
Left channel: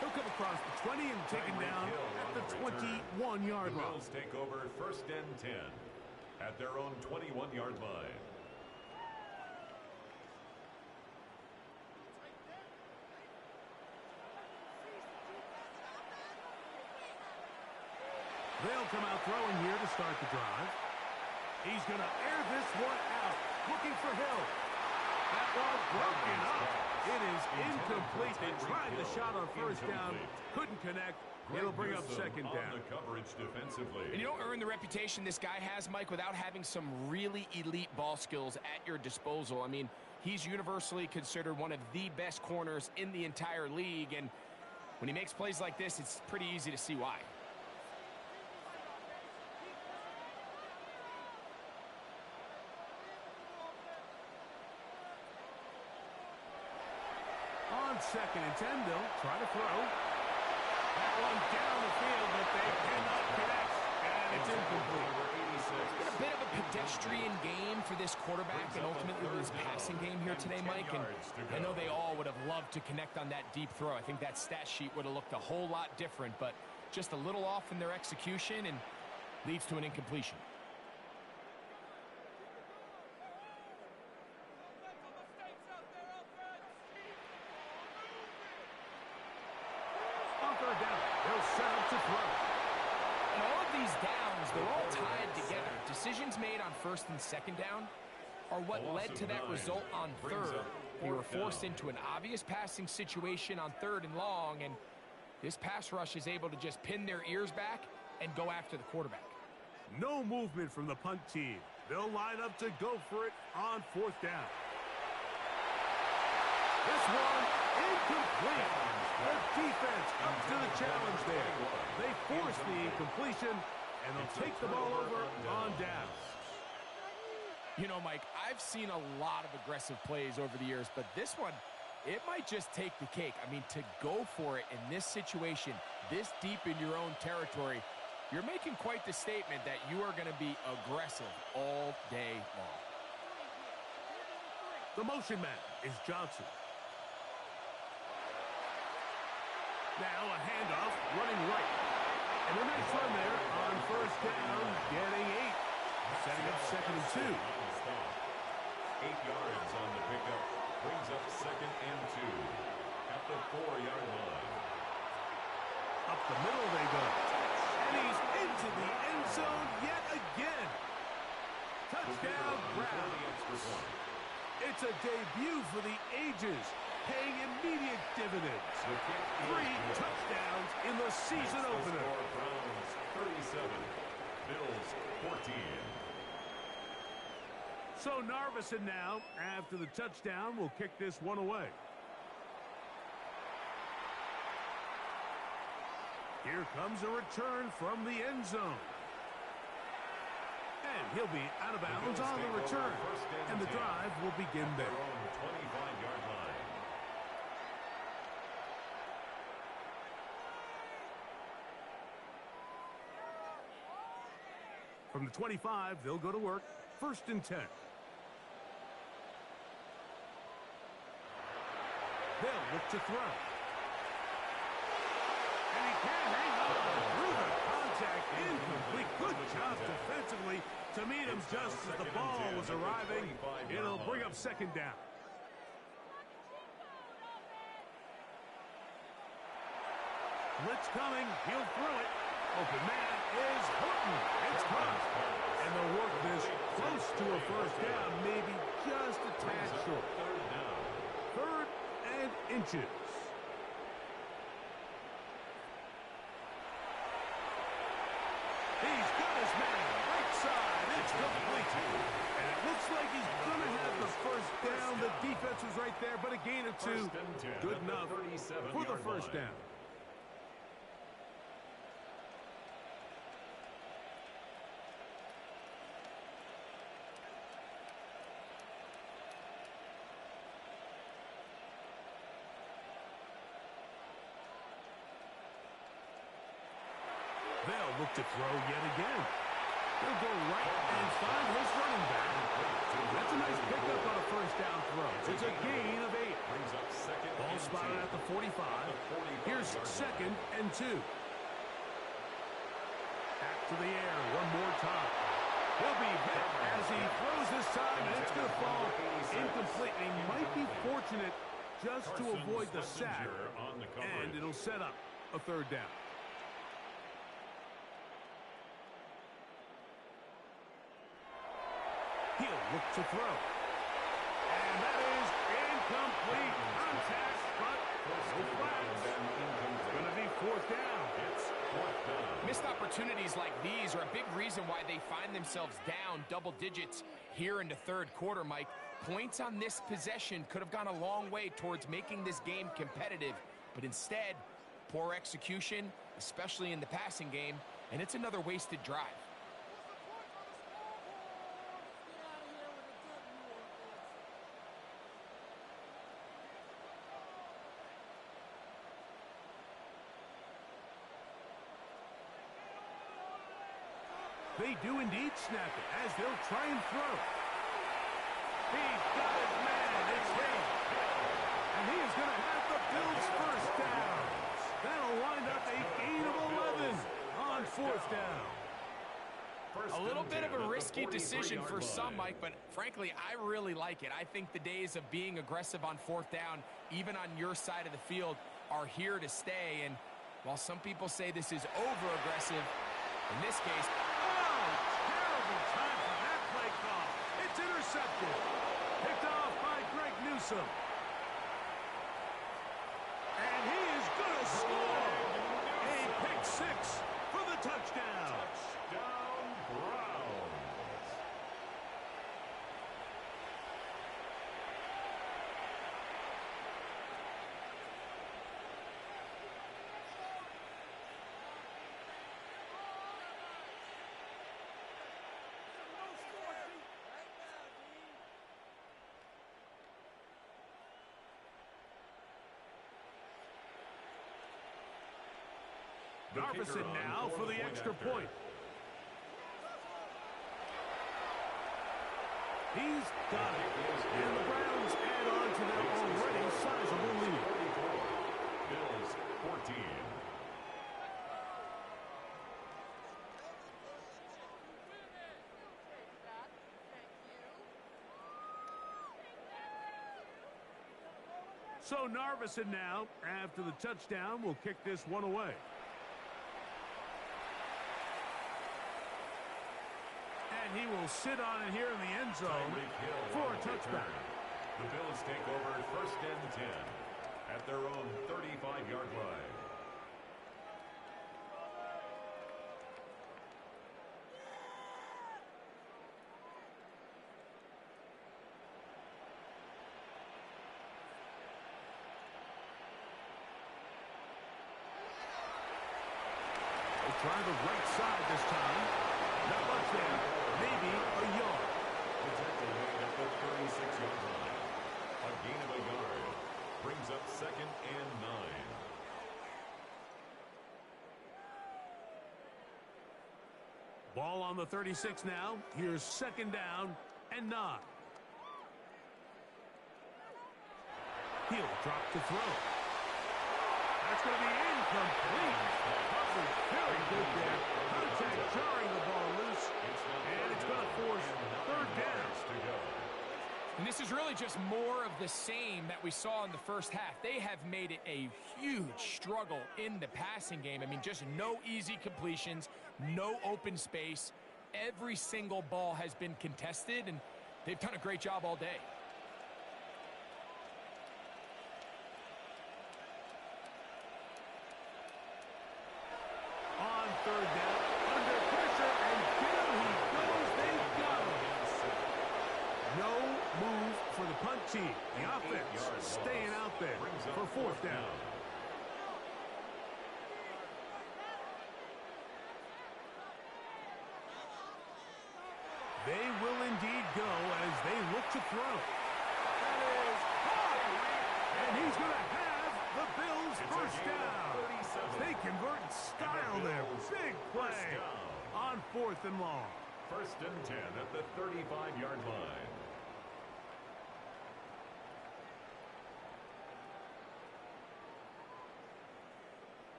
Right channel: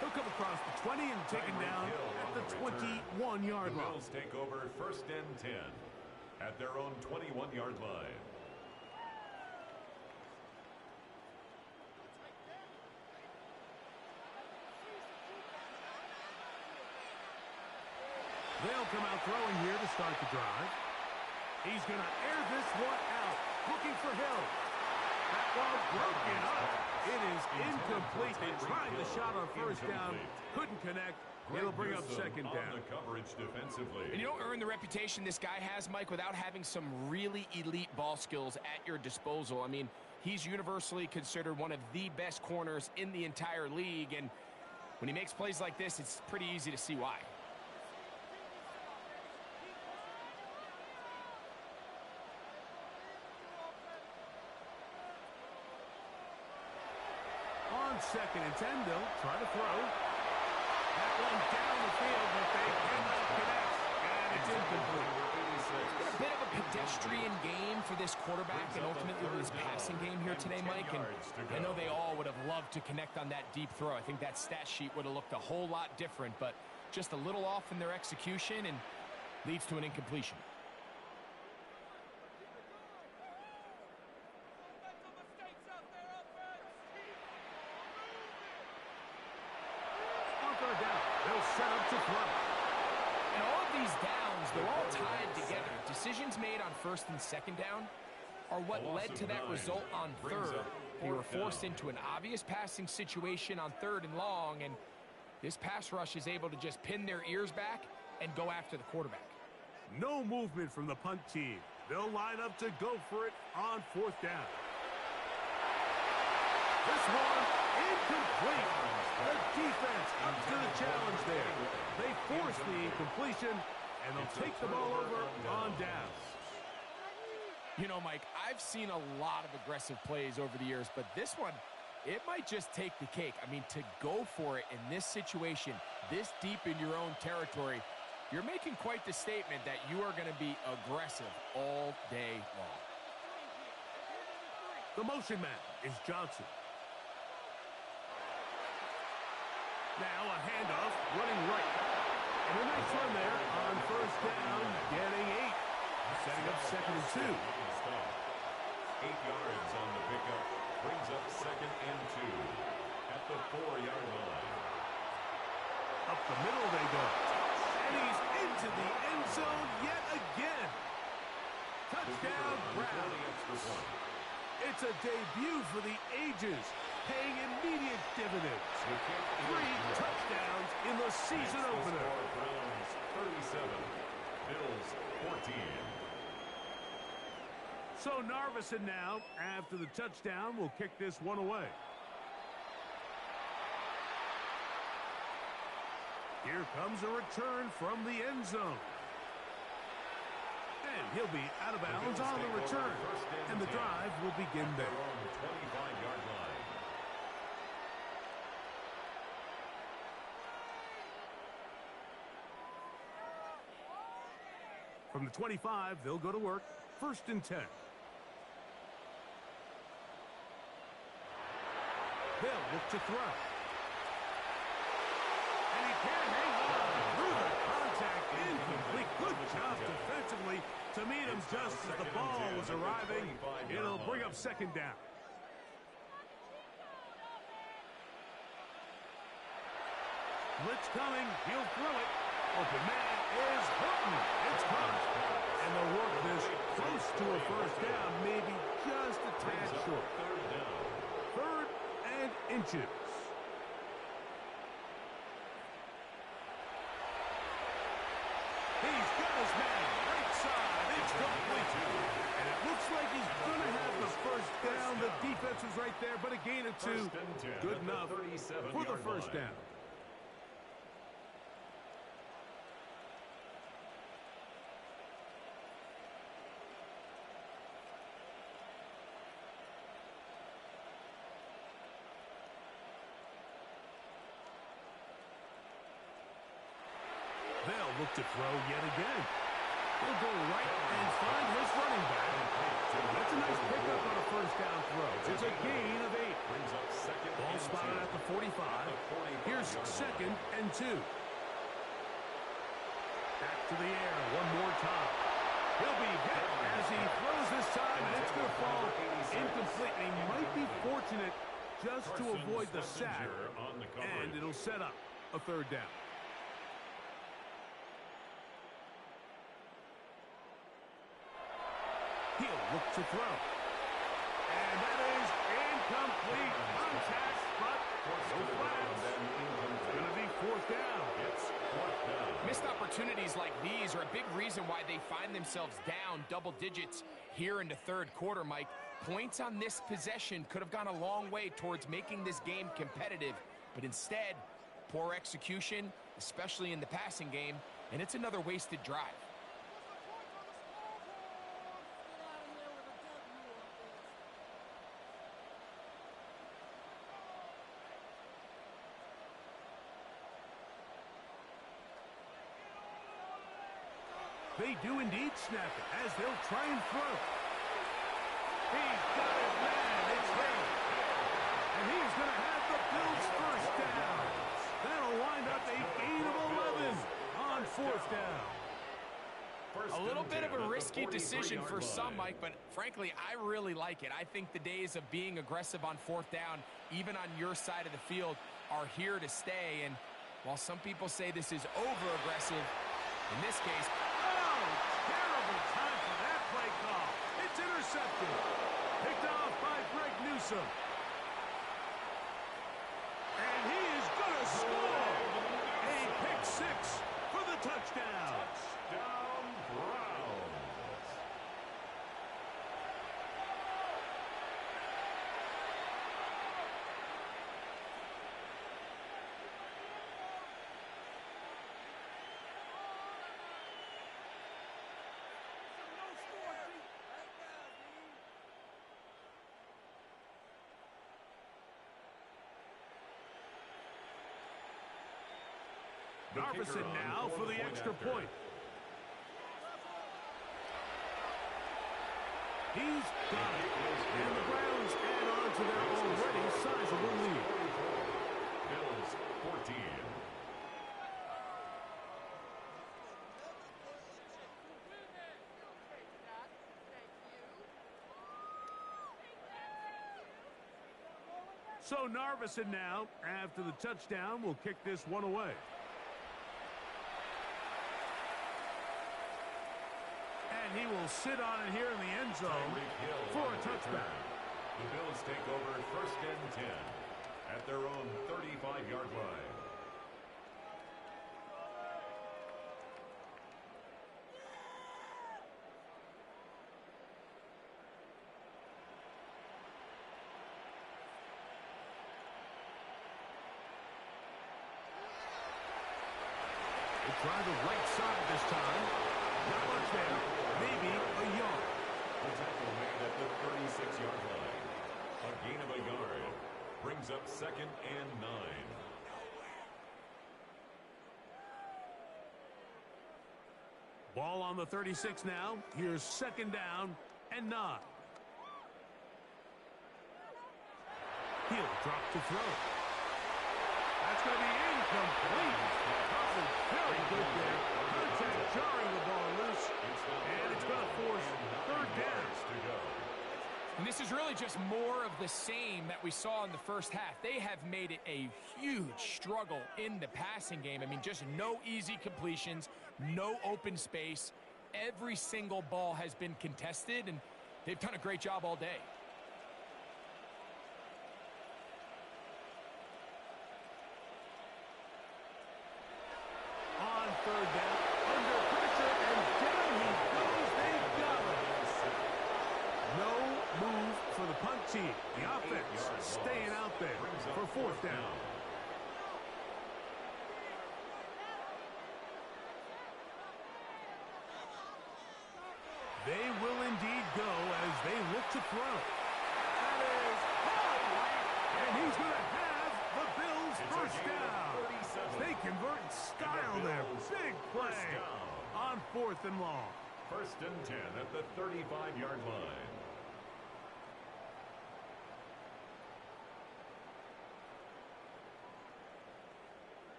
He'll come across the 20 and taken down at the 21-yard line. The Bills take over first and 10 at their own 21-yard line. They'll come out throwing here to start the drive. He's going to air this one out, looking for Hill. That one broken up. It is incomplete. They tried the shot on first down, couldn't connect. It'll bring up second down. The coverage defensively. And you don't earn the reputation this guy has, Mike, without having some really elite ball skills at your disposal. I mean, he's universally considered one of the best corners in the entire league, and when he makes plays like this, it's pretty easy to see why. On second and 10, they'll try to throw. That one down the field, but they cannot connect. And it's incomplete. It's been a bit of a pedestrian game for this quarterback and ultimately this passing game here today, Mike. And I know they all would have loved to connect on that deep throw. I think that stat sheet would have looked a whole lot different, but just a little off in their execution and leads to an incompletion. Third down. They'll set up to throw. And all of these downs, they're all tied together. Decisions made on first and second down are what led to that result on third. They were forced into an obvious passing situation on third and long, and this pass rush is able to just pin their ears back and go after the quarterback. No movement from the punt team. They'll line up to go for it on fourth down. This one incomplete. The defense up to the challenge there. They force the incompletion, and they'll take the ball over on down. You know, Mike, I've seen a lot of aggressive plays over the years, but this one, it might just take the cake. I mean, to go for it in this situation, this deep in your own territory, you're making quite the statement that you are going to be aggressive all day long. The motion man is Johnson. Now a handoff, running right. And a nice run there on first down, getting 8. Setting up second and 2. 8 yards on the pickup. Brings up second and 2 at the 4-yard line. Up the middle they go. And he's into the end zone yet again. Touchdown, Brown. It's a debut for the ages, paying immediate dividends. 3 touchdowns in the season opener. Browns 37, Bills 14. So Narveson now, after the touchdown, will kick this one away. Here comes a return from the end zone. And he'll be out of bounds on the return. And the drive will begin there. 25-yard line. From the 25, they'll go to work. First and 10. They'll look to throw. And he can't hang on through the contact. Incomplete. Good job defensively to meet him just as the ball was arriving. It'll bring up second down. Blitz coming. He'll throw it. Open man is Horton. It's caught. And they'll work this close to a first down, maybe just a tad short. Third down. Third and inches. He's got his man. Right side. It's complete. And it looks like he's going to have the first down. The defense was right there, but a gain of 2. Good enough for the first down. They'll look to throw yet again. He'll go right and find his running back. That's a nice pickup on a first down throw. It's a gain of 8. Brings up second. Ball spotted at the 45. Here's second and 2. Back to the air one more time. He'll be hit as he throws this time, and it's going to fall incomplete. And he might be fortunate just to avoid the sack, and it'll set up a third down. He'll look to throw. And that is incomplete. Contact, but no flags. Going to be fourth down. It's fourth down. Missed opportunities like these are a big reason why they find themselves down double digits here in the third quarter, Mike. Points on this possession could have gone a long way towards making this game competitive, but instead, poor execution, especially in the passing game, and it's another wasted drive. They do indeed snap it as they'll try and throw. He's got his man. It's him. And he is going to have the Bills first down. That'll wind up a gain of 11 on fourth down. A little bit of a risky decision for some, Mike, but frankly, I really like it. I think the days of being aggressive on fourth down, even on your side of the field, are here to stay. And while some people say this is over-aggressive, in this case, terrible time for that play call. It's intercepted. Picked off by Greg Newsome. And he is going to score. A pick 6 for the touchdown. Touchdown, Browns. Narvison now for the extra point. He's got it. And the Browns add on to their already sizable lead. 44. Bills 14. So Narvison now, after the touchdown, will kick this one away. And he will sit on it here in the end zone for a touchback. The Bills take over first and 10 at their own 35-yard line. They try the right side this time. Not much there. Maybe a yard. The tackle made at the 36-yard line. A gain of a yard. Brings up second and 9. Ball on the 36 now. Here's second down and 9. He'll drop to throw. That's going to be incomplete. Coverage very good there. Contact jarring the ball loose. And it's going to force third down. And this is really just more of the same that we saw in the first half. They have made it a huge struggle in the passing game. I mean, just no easy completions, no open space. Every single ball has been contested, and they've done a great job all day. On third down, under pressure, and down he goes. They got him. No move for the punt team. The offense staying out there for fourth down. They will indeed go as they look to throw. That is hard. And he's going to have the Bills first down. They convert in style there. Big play on fourth and long. First and 10 at the 35-yard line.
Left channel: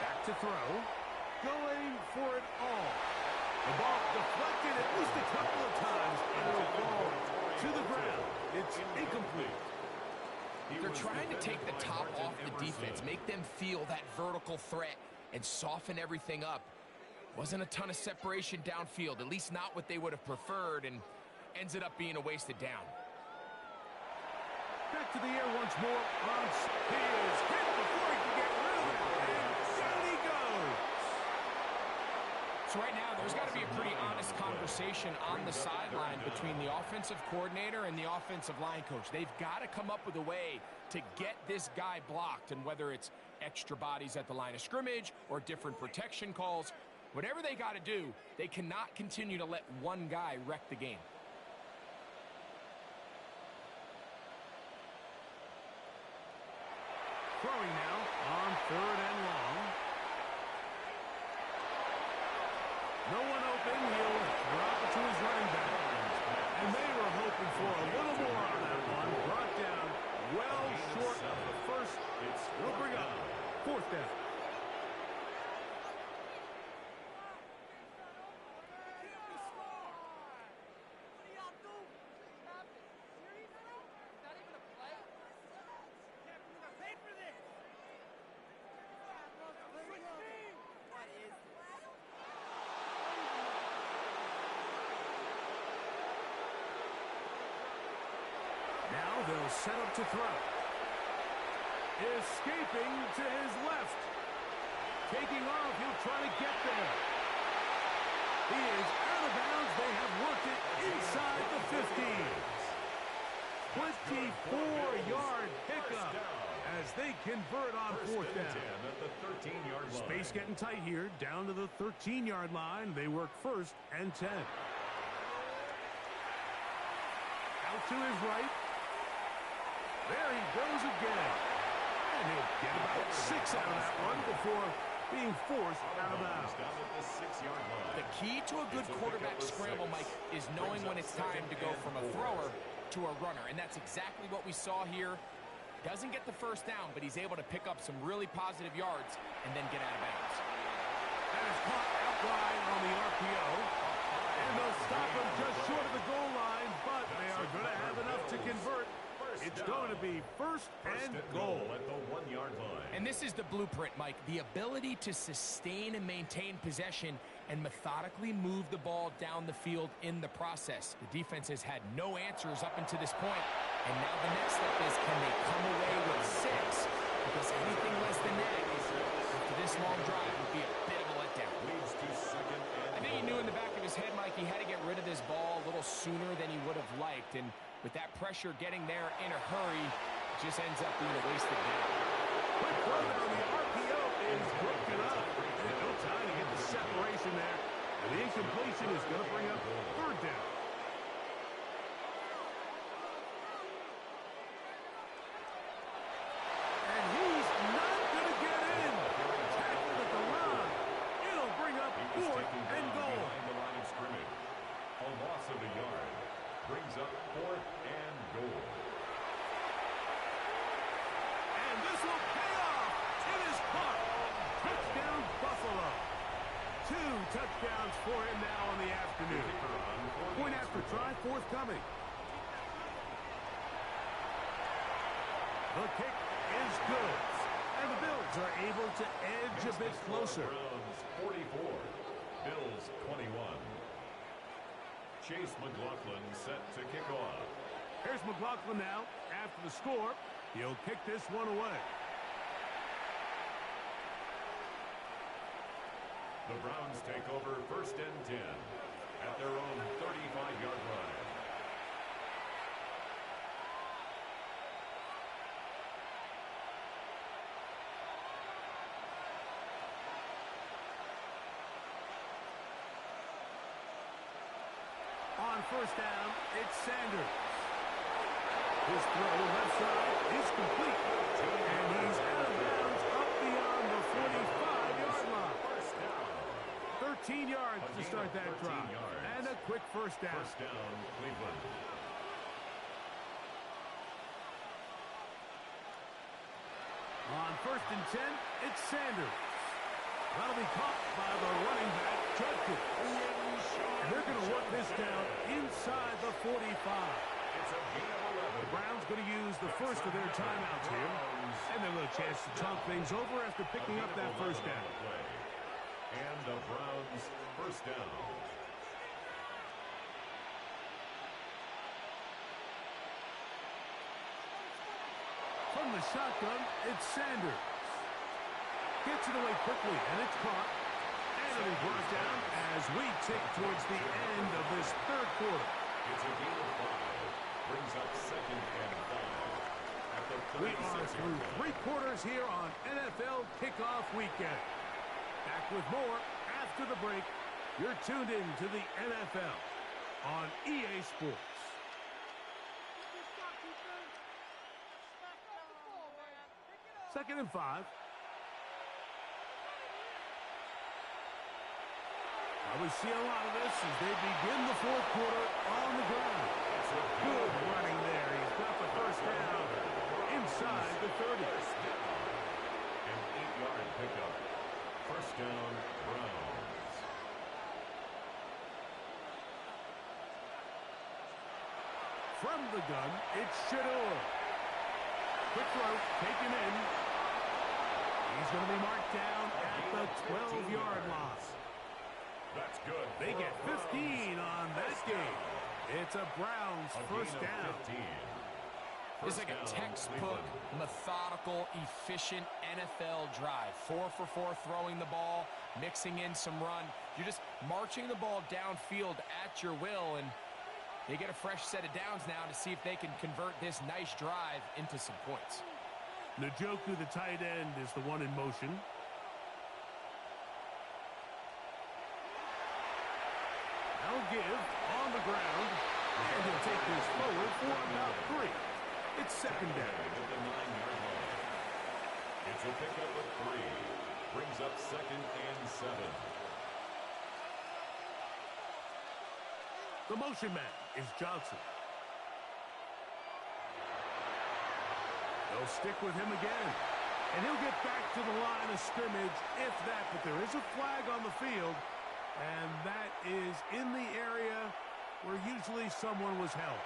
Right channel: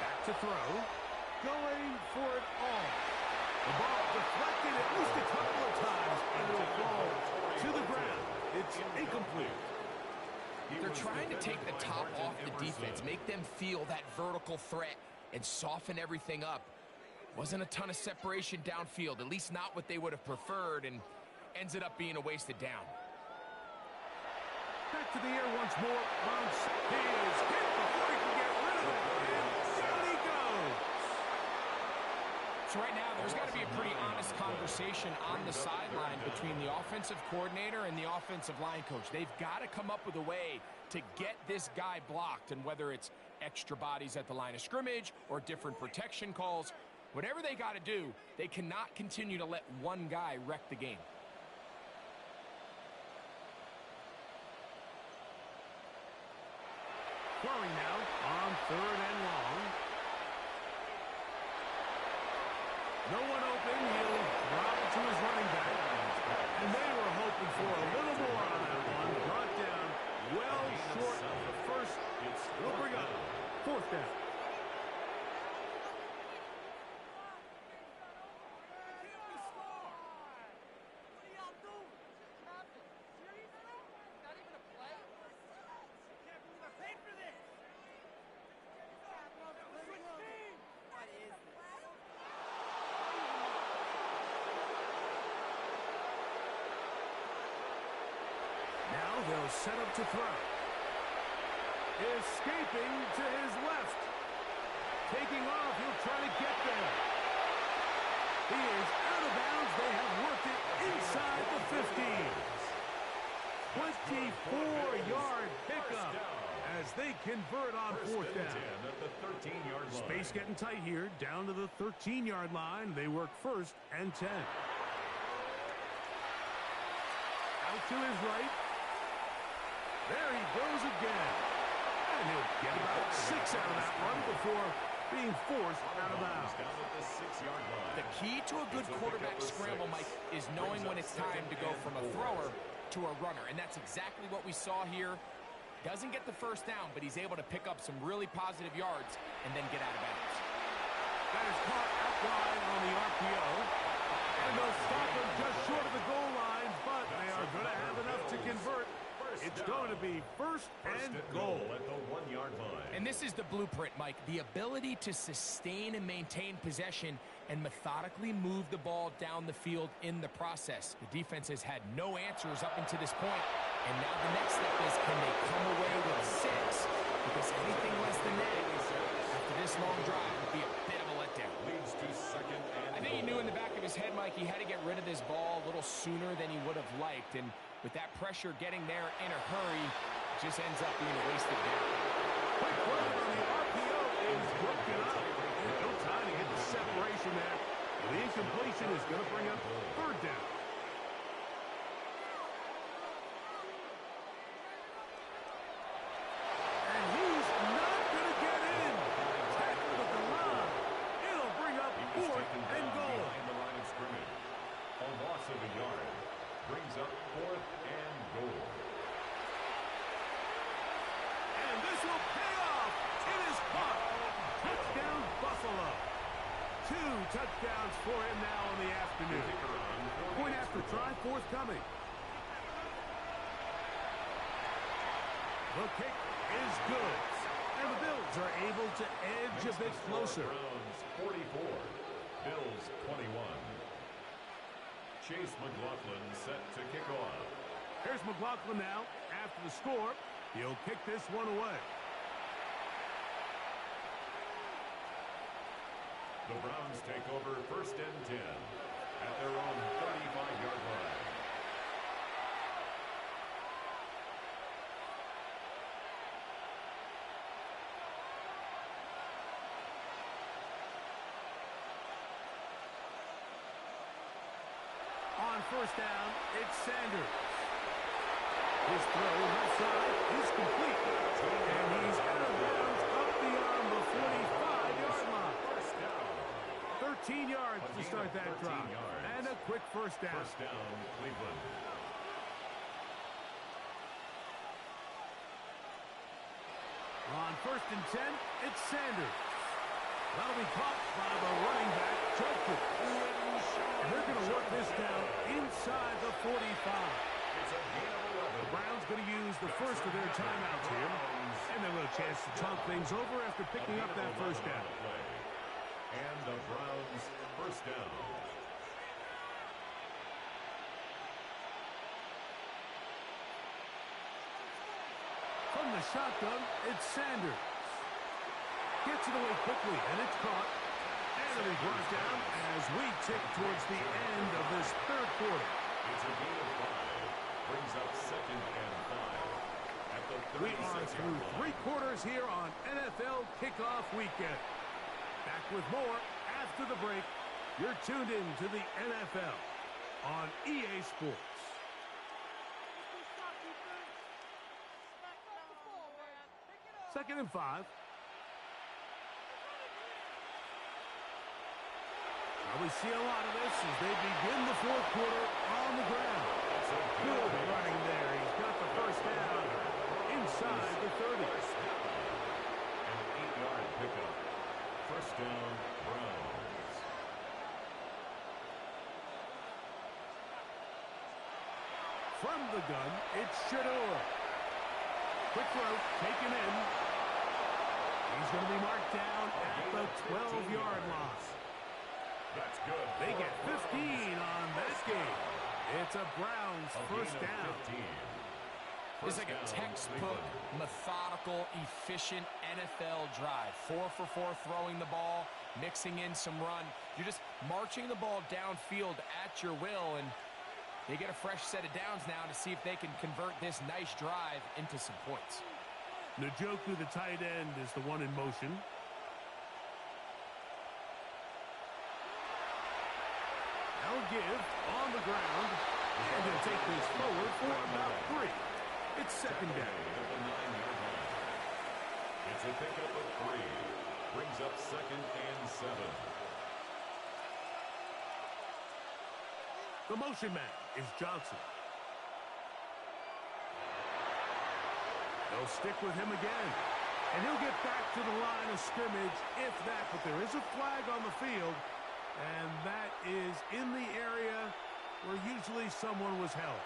Back to throw. Going for it all. The ball deflected at least a couple of times, and it'll fall to the ground. It's incomplete. They're trying to take the top off the defense, make them feel that vertical threat, and soften everything up. Wasn't a ton of separation downfield, at least not what they would have preferred, and ends it up being a wasted down. Back to the air once more. He is hit before he can get rid of it, and down he goes. So right now, there's got to be a pretty honest conversation on the sideline between the offensive coordinator and the offensive line coach. They've got to come up with a way to get this guy blocked, and whether it's extra bodies at the line of scrimmage or different protection calls, whatever they got to do, they cannot continue to let one guy wreck the game. Throwing now on third and long. No one open. He'll drop it to his running back. And they were hoping for a little more on that one. Brought down well short of the first. It'll bring up fourth down. Now they'll set up to throw. Escaping to his left. Taking off, he'll try to get there. He is out of bounds. They have worked it inside the 50. 24-yard pickup as they convert on fourth down. At the 13-yard line. Space getting tight here, down to the 13-yard line. They work first and 10. Out to his right. There he goes again. And he'll get about 6 out of that one before being forced out of bounds. Down at the 6-yard line. The key to a good quarterback scramble, Mike, is knowing when it's time to go from a thrower to a runner. And that's exactly what we saw here. Doesn't get the first down, but he's able to pick up some really positive yards and then get out of bounds. That is caught out wide on the RPO. And they'll stop him just short of the goal line, but they are going to have enough to convert. It's going to be first and goal at the 1-yard line. And this is the blueprint, Mike. The ability to sustain and maintain possession and methodically move the ball down the field in the process. The defense has had no answers up until this point, and now the next step is, can they come away with 6? Because anything less than that after this long drive would be a bit of a letdown. Leads to second and I think he knew in the back of his head, Mike, he had to get rid of this ball a little sooner than he would have liked, and with that pressure getting there in a hurry, it just ends up being a wasted down. Quick run on the RPO is broken up. And no time to get the separation there. And the incompletion is going to bring up third down. And he's not going to get in. Tackled at the line. It'll bring up fourth and goal. Behind the line of scrimmage. A loss of a yard brings up fourth and goal. And this will pay off. It is caught. Touchdown, Buffalo. 2 touchdowns for him now in the afternoon. Point after try forthcoming. The kick is good. And the Bills are able to edge a bit closer. Browns 44, Bills 21. Chase McLaughlin set to kick off. Here's McLaughlin now. After the score, he'll kick this one away. The Browns take over 1st and 10 at their own 35-yard line. On 1st down, it's Sanders. His throw left side is complete. And he's out of bounds up beyond the 45-yard line. 13 yards to start that drive. And a quick 1st down. 1st down, Cleveland. On 1st and 10, it's Sanders. That'll be caught by the running back, Judkins. And they're going to work this down inside the 45. It's a gain of 11. The Browns going to use the first of their timeouts here. And a little chance to talk things over after picking up that 1st down. And the Browns 1st down. From the shotgun, it's Sanders. Gets it away quickly, and it's caught. And it'll be brought down as we tick towards the end of this 3rd quarter. It's a gain of 5. Brings up 2nd and 5. At the 36-yard line. We are through 3 quarters here on NFL Kickoff Weekend. Back with more after the break. You're tuned in to the NFL on EA Sports. 2nd and 5. We see a lot of this as they begin the 4th quarter on the ground. Good running there. He's got the 1st down inside the 30. An 8-yard pickup. 1st down, Browns. From the gun, it's Shador. Quick throw, taken in. He's going to be marked down at the 12-yard line. That's good. They get 15 on that game. It's a Browns 1st down. It's like a textbook, methodical, efficient NFL drive. 4 for 4 throwing the ball, mixing in some run. You're just marching the ball downfield at your will, and they get a fresh set of downs now to see if they can convert this nice drive into some points. Njoku, the tight end, is the one in motion. They'll give on the ground, and he'll take this forward for about 3. It's 2nd down. At the 9-yard line. It's a pickup of 3. Brings up 2nd and 7. The motion man is Johnson. They'll stick with him again. And he'll get back to the line of scrimmage if that, but there is a flag on the field. And that is in the area where usually someone was held.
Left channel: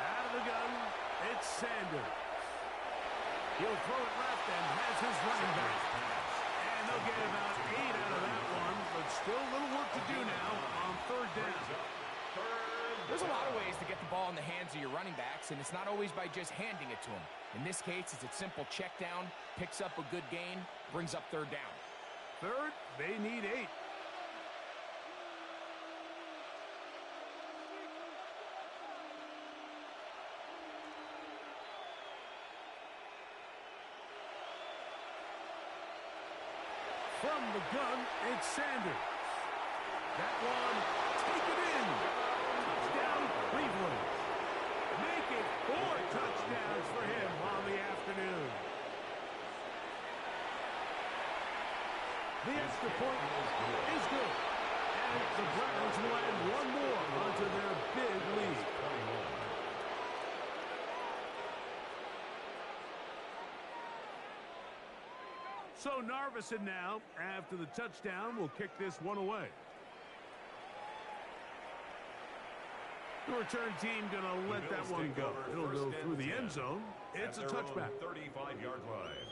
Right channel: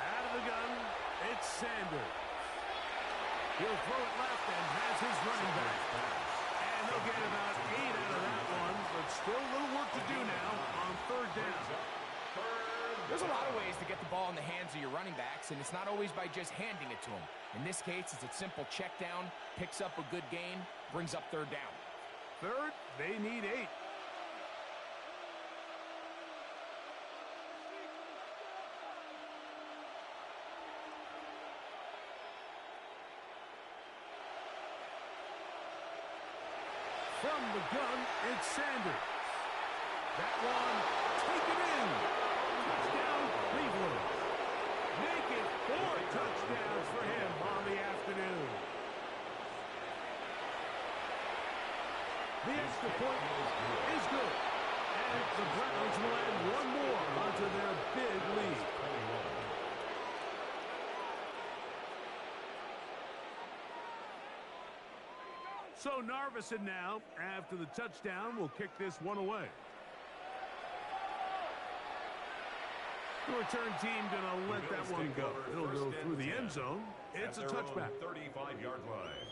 Out of the gun, it's Sanders. He'll throw it left and has his running back. And they'll get about 8 out of that one, but still a little work to do now on 3rd down. There's a lot of ways to get the ball in the hands of your running backs, and it's not always by just handing it to them. In this case, it's a simple check down, picks up a good gain, brings up 3rd down. 3rd, they need 8. From the gun, it's Sanders. That one taken in. Touchdown, Cleveland. Make it 4 touchdowns for him on the afternoon. The extra point is good. And the Browns will add one more onto their big lead. So Narveson now, after the touchdown, will kick this one away. The return team going to let that one go. It'll go through the end zone. It's a touchback. 35-yard line.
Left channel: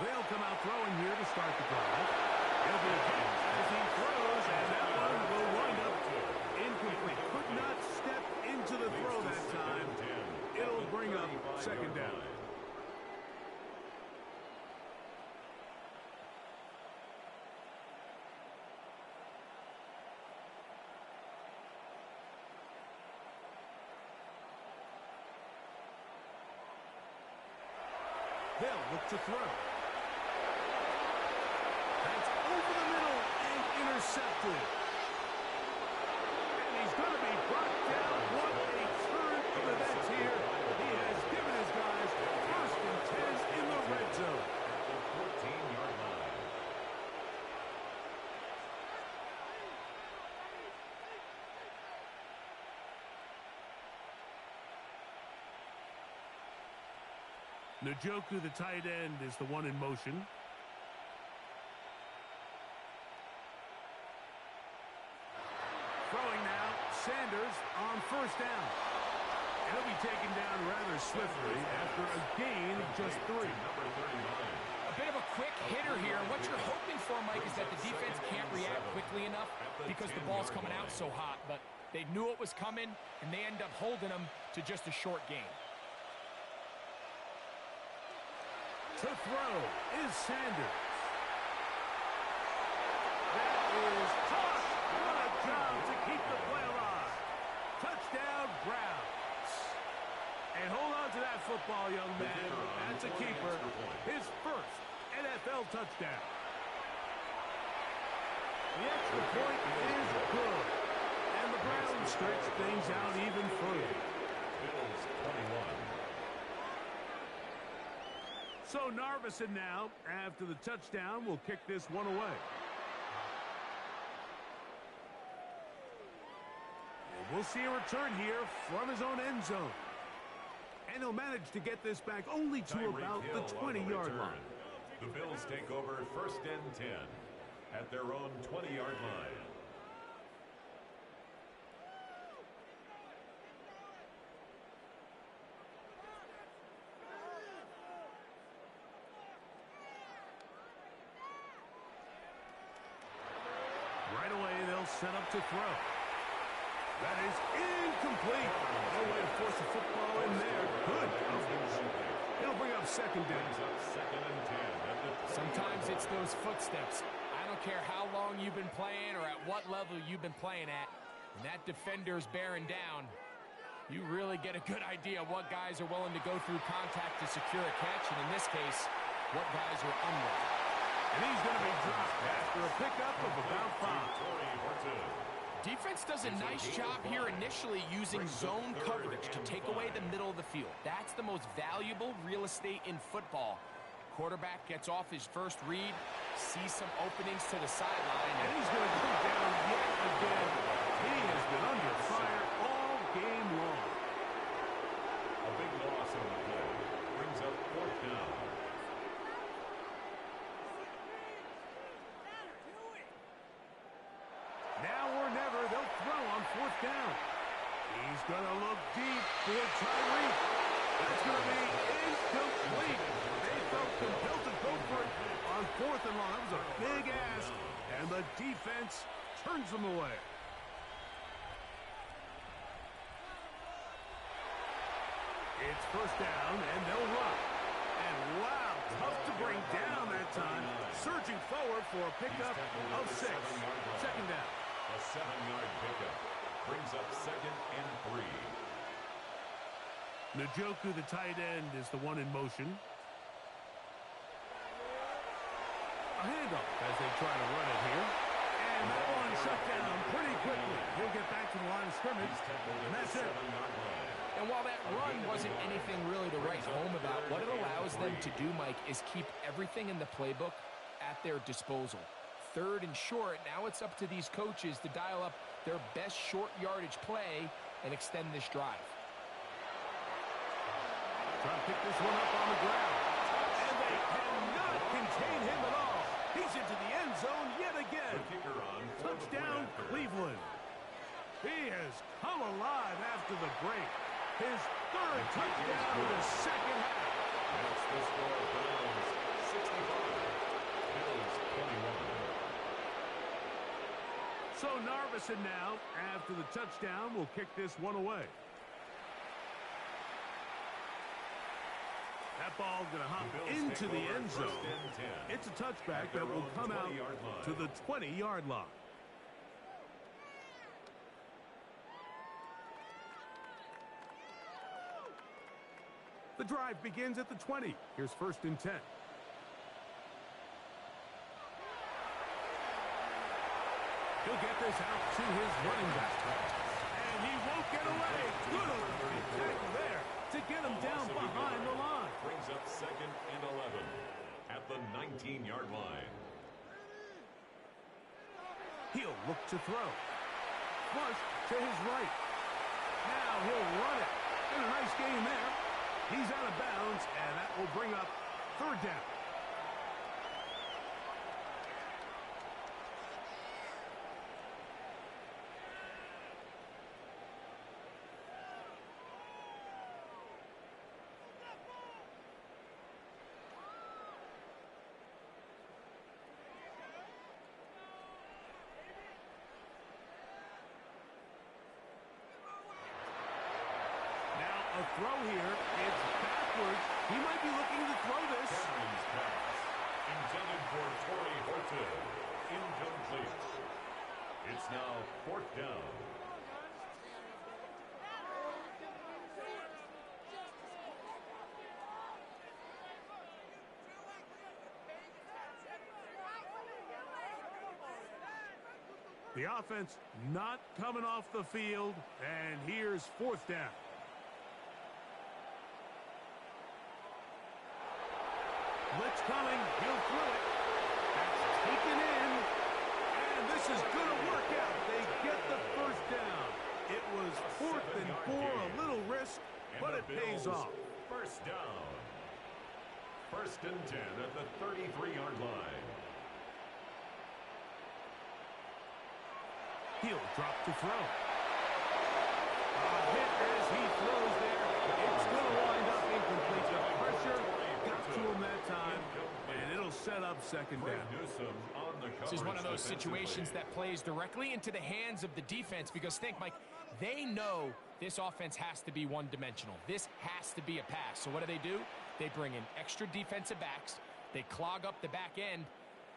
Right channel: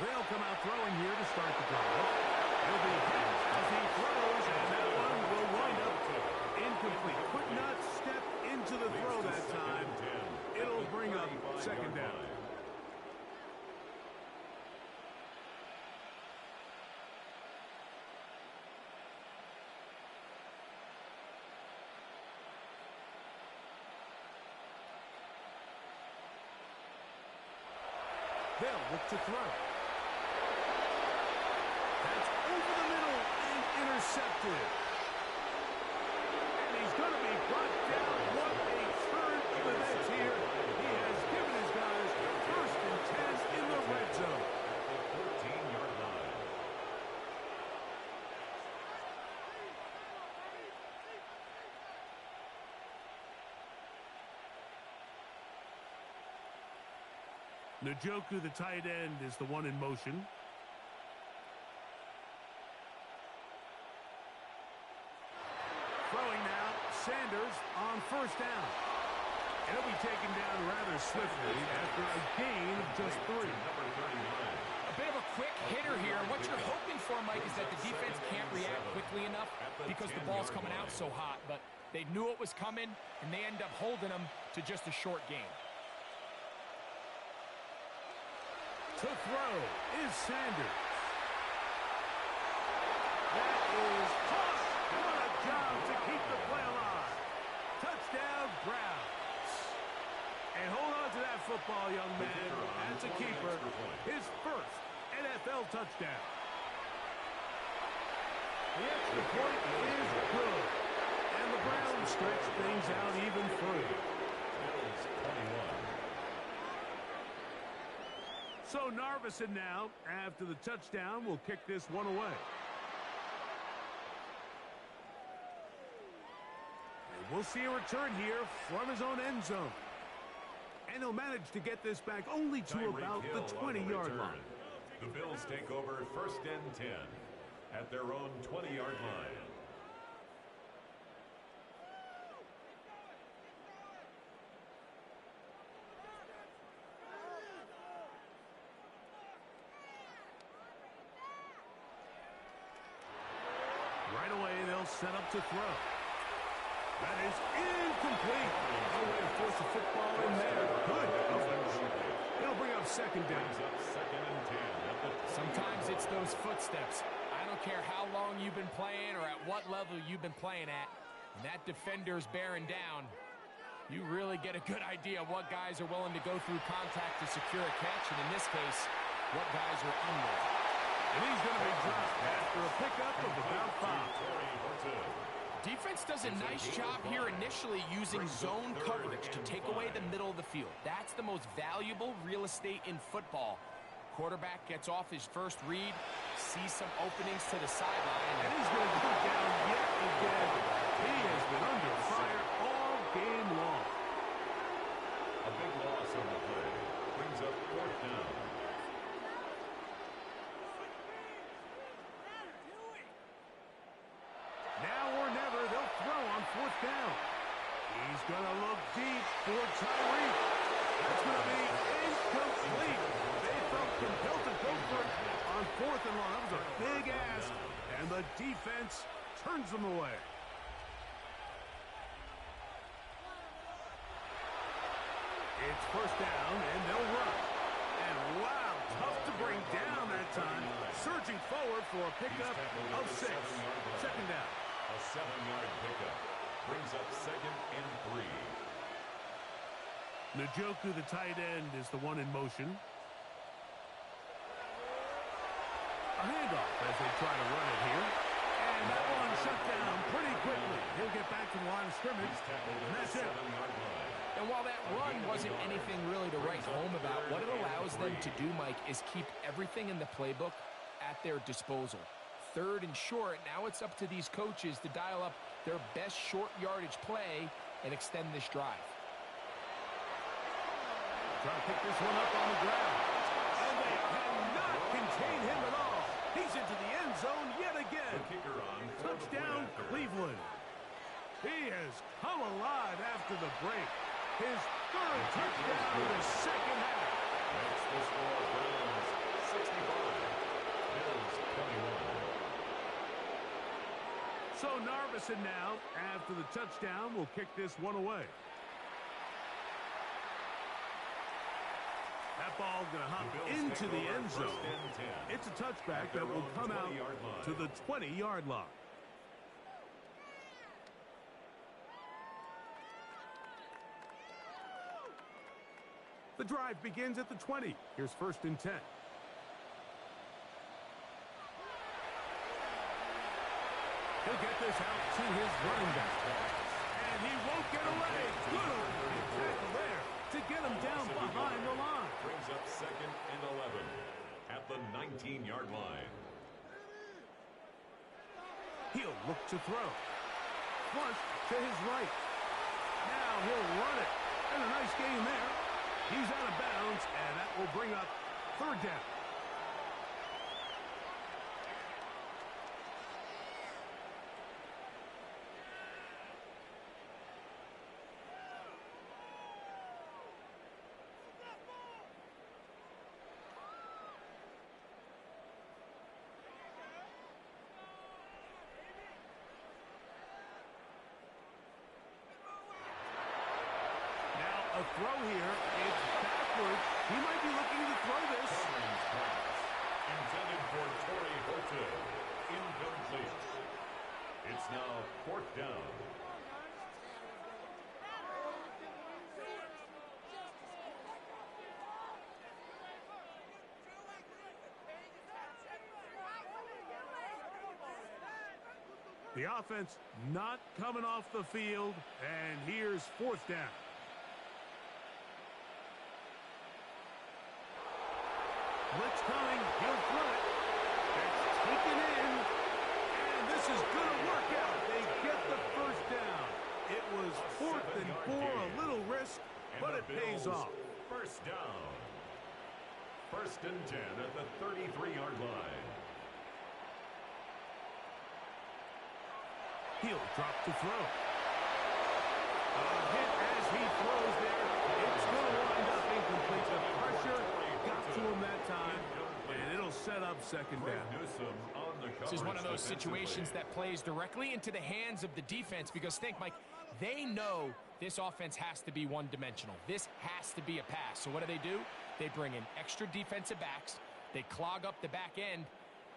They'll come out throwing here to start the drive. He'll be hit as he throws, and that one will wind up incomplete. Could not step into the throw that time. It'll bring up second down. They'll look to throw. That's over the middle and intercepted. And he's going to be brought down. What a turn of events here. He has given his guys first and 10 in the red zone. At the 14-yard line. Njoku, the tight end, is the one in motion. Throwing now, Sanders on first down. He'll be taken down rather swiftly after a gain of just 3. Number 39. A bit of a quick hitter here. What you're hoping for, Mike, is that the defense can't react quickly enough because the ball's coming out so hot. But they knew it was coming, and they end up holding them to just a short gain. To throw is Sanders. That is caught. What a job to keep the play alive. Touchdown, Browns. And hold on to that football, young man. That's a keeper. His first NFL touchdown. The extra point is good. And the Browns stretch things out even further. Bills 21. So Narveson now, after the touchdown, will kick this one away. And we'll see a return here from his own end zone. And he'll manage to get this back only to about the 20-yard line. The Bills take over first and 10 at their own 20-yard line. Right away, they'll set up to throw. That is incomplete. No way to force the football in there. Good coverage. It'll bring up second down. Second and 10. Sometimes it's those footsteps. I don't care how long you've been playing or at what level you've been playing at. When that defender's bearing down, you really get a good idea of what guys are willing to go through contact to secure a catch, and in this case, what guys are unwilling. And he's going to be dropped after a pickup of about 5. Defense does a nice job here initially using zone coverage to take away the middle of the field. That's the most valuable real estate in football. Quarterback gets off his first read, sees some openings to the sideline. And he's going to go down yet again. He has been under fire all game long. A big loss on the play. Brings up fourth down. Now or never, they'll throw on fourth down. He's going to look deep for Tyreek. That's going to be incomplete. They felt compelled to go for it on fourth and long. That was a big ask, and the defense turns them away. It's first down, and they'll run. And wow, tough to bring down that time. surging forward for a pickup of 6. Second down. A 7-yard pickup brings up second and 3. Njoku, the tight end, is the one in motion. A handoff as they try to run it here. And that one shut down pretty quickly. He'll get back to the line of scrimmage, and that's it. And while that run wasn't anything really to write home about, what it allows them to do, Mike, is keep everything in the playbook at their disposal. Third and short, now it's up to these coaches to dial up their best short yardage play and extend this drive. Trying to pick this one up on the ground. And they cannot contain him at all. He's into the end zone yet again. The kicker on Touchdown, Cleveland. He has come alive after the break. His third touchdown of the second half. Makes the score Browns 65, Bills 21. So Narvison now, after the touchdown, will kick this one away. That ball going to hop into the end zone. It's a touchback that will come out to the 20-yard line. The drive begins at the 20. Here's 1st and 10. He'll get this out to his running back. And he won't get away. Good opening tackle there to get him down behind the line. Brings up second and 11 at the 19-yard line. He'll look to throw. Flush to his right. Now he'll run it. And a nice game there. He's out of bounds, and that will bring up 3rd down. A throw here. It's backwards. He might be looking to throw this. Cameron's pass. Intended for Torrey Horton. Incomplete. It's now 4th down. The offense not coming off the field. And here's 4th down. Blitz coming. He'll throw it. That's taken in. And this is going to work out. They get the 1st down. It was 4th and 4, a little risk, but it pays off. 1st down. 1st and 10 at the 33-yard line. He'll drop to throw. A hit as he throws there. It's going to wind up incomplete. The pressure got to him that time, and it'll set up 2nd down. This is one of those situations that plays directly into the hands of the defense because think, Mike, they know this offense has to be one-dimensional. This has to be a pass. So what do? They bring in extra defensive backs. They clog up the back end.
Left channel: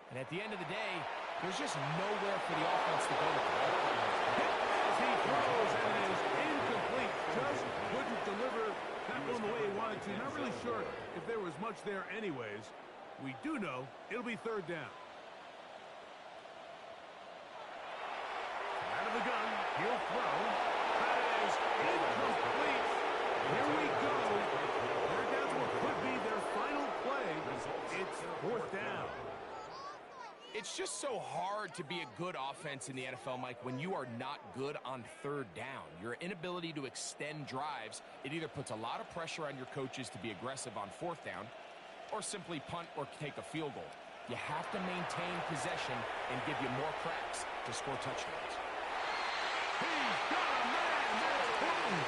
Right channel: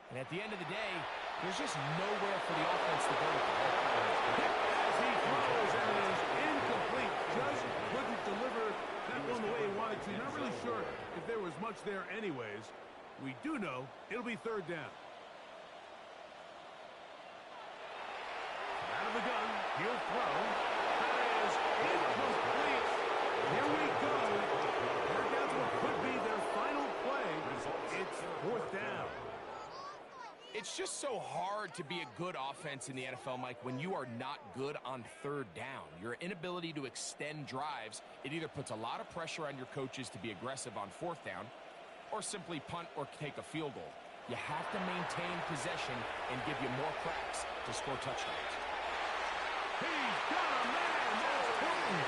And at the end of the day, there's just nowhere for the offense to go with the ball. Hit as he throws, and it is incomplete. Just couldn't deliver that one the way he wanted to. Not really sure if there was much there anyways. We do know it'll be 3rd down. Out of the gun, he'll throw. That is incomplete. Here we go. They're down to what could be their final play. It's 4th down. It's just so hard to be a good offense in the NFL, Mike, when you are not good on 3rd down. Your inability to extend drives, it either puts a lot of pressure on your coaches to be aggressive on 4th down or simply punt or take a field goal. You have to maintain possession and give you more cracks to score touchdowns. He's got a man. That's Horton.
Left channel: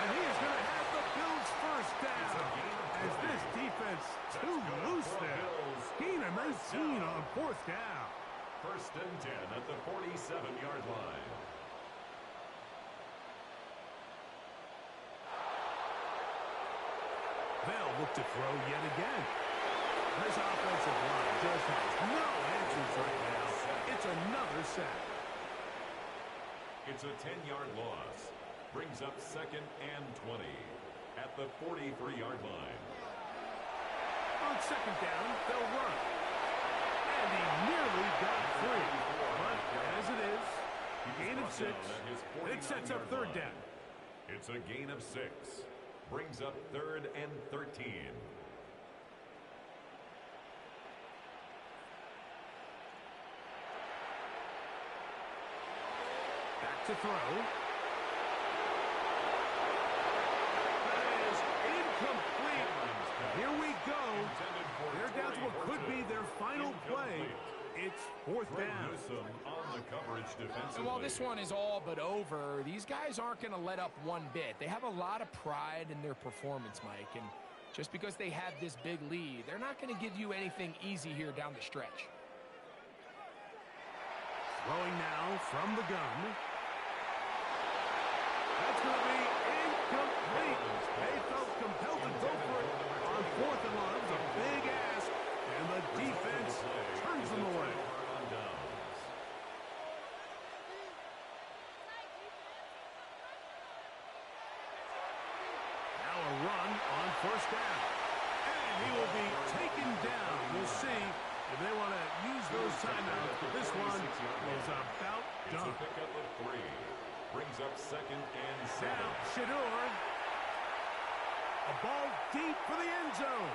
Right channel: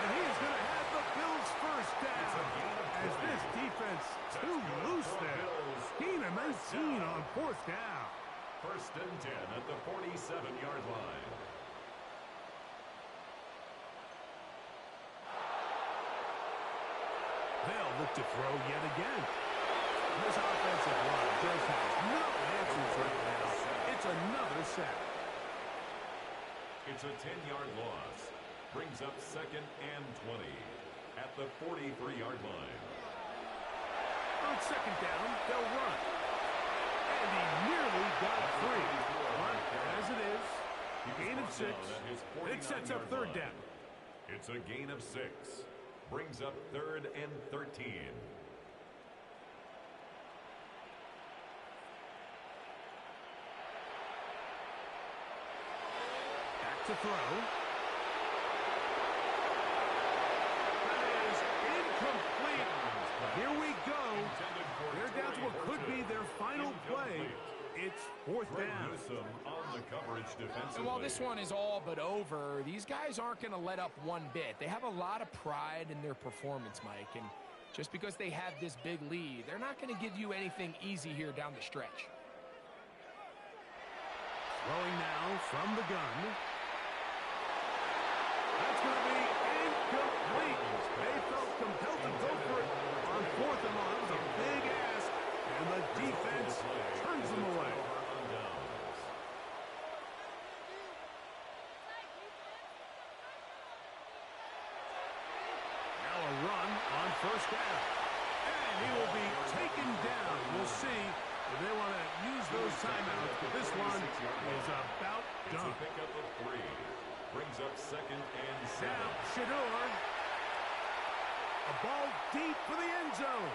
And he is going to have the Bills' 1st down. As this defense too loose there. Gain of 19 on 4th down. 1st and 10 at the 47-yard line. They'll look to throw yet again. This offensive line just has no answers right now. It's another sack. It's a 10-yard loss. Brings up 2nd and 20 at the 43-yard line. On 2nd down, they'll run. And he nearly got free. But as it is, gain of 6. It sets up 3rd down. It's a gain of 6. Brings up 3rd and 13. Back to throw. That is incomplete. Here we go. They're down to what could be their final play. It's 4th down. On the coverage defensively. And while this one is all but over, these guys aren't going to let up one bit. They have a lot of pride in their performance, Mike. And just because they have this big lead, they're not going to give you anything easy here down the stretch. Throwing now from the gun. That's going to be incomplete. They felt compelled to go for it on 4th and long. It was a big ask, and the defense turns them away. Now a run on 1st down. And he will be taken down. We'll see if they want to use those timeouts, but this one is about done. It's a pickup of 3. Brings up 2nd and 7. Now, Shador. A ball deep for the end zone.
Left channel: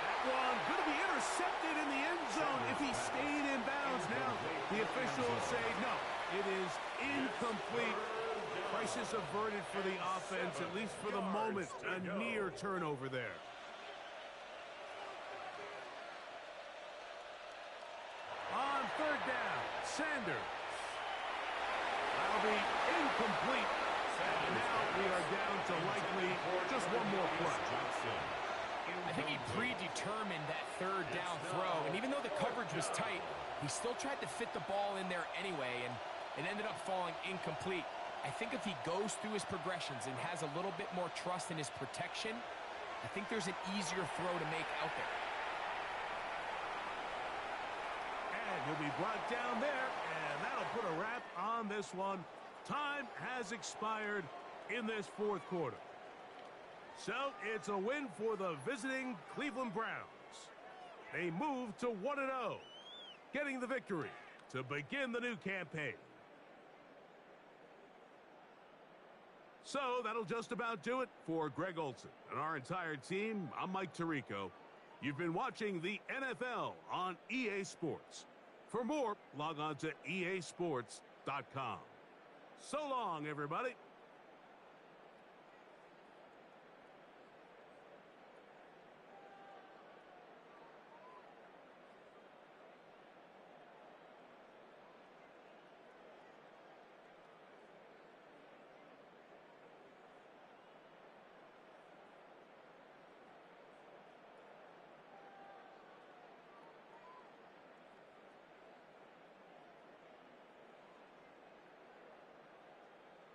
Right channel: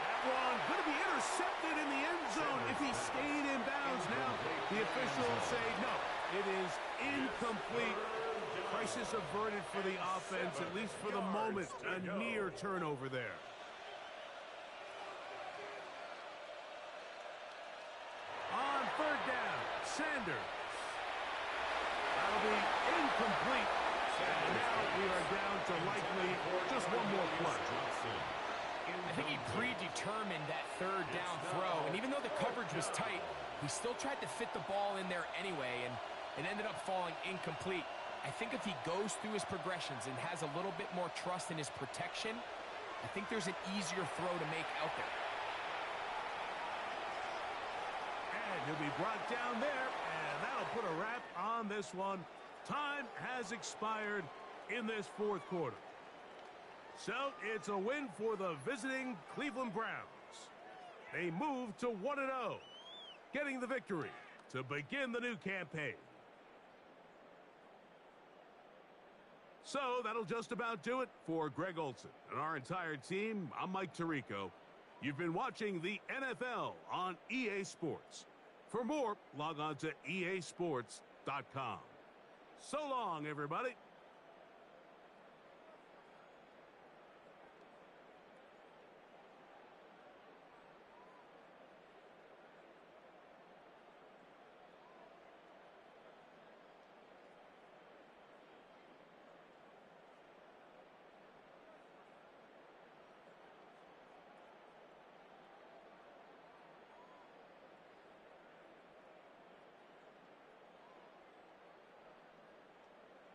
That one going to be intercepted in the end zone if he stayed in bounds. Now, the officials say no. It is incomplete. Crisis averted for the offense, at least for the moment. A near turnover there. On 3rd down, Sanders. That'll be incomplete. And now we are down to likely just one more play. I think he predetermined that 3rd down throw, and even though the coverage was tight, he still tried to fit the ball in there anyway, and it ended up falling incomplete. I think if he goes through his progressions and has a little bit more trust in his protection, I think there's an easier throw to make out there. And he'll be brought down there, and that'll put a wrap on this one. Time has expired in this 4th quarter. So it's a win for the visiting Cleveland Browns. They move to 1-0, getting the victory to begin the new campaign. So that'll just about do it for Greg Olson and our entire team. I'm Mike Tirico. You've been watching the NFL on EA Sports. For more, log on to easports.com. So long, everybody.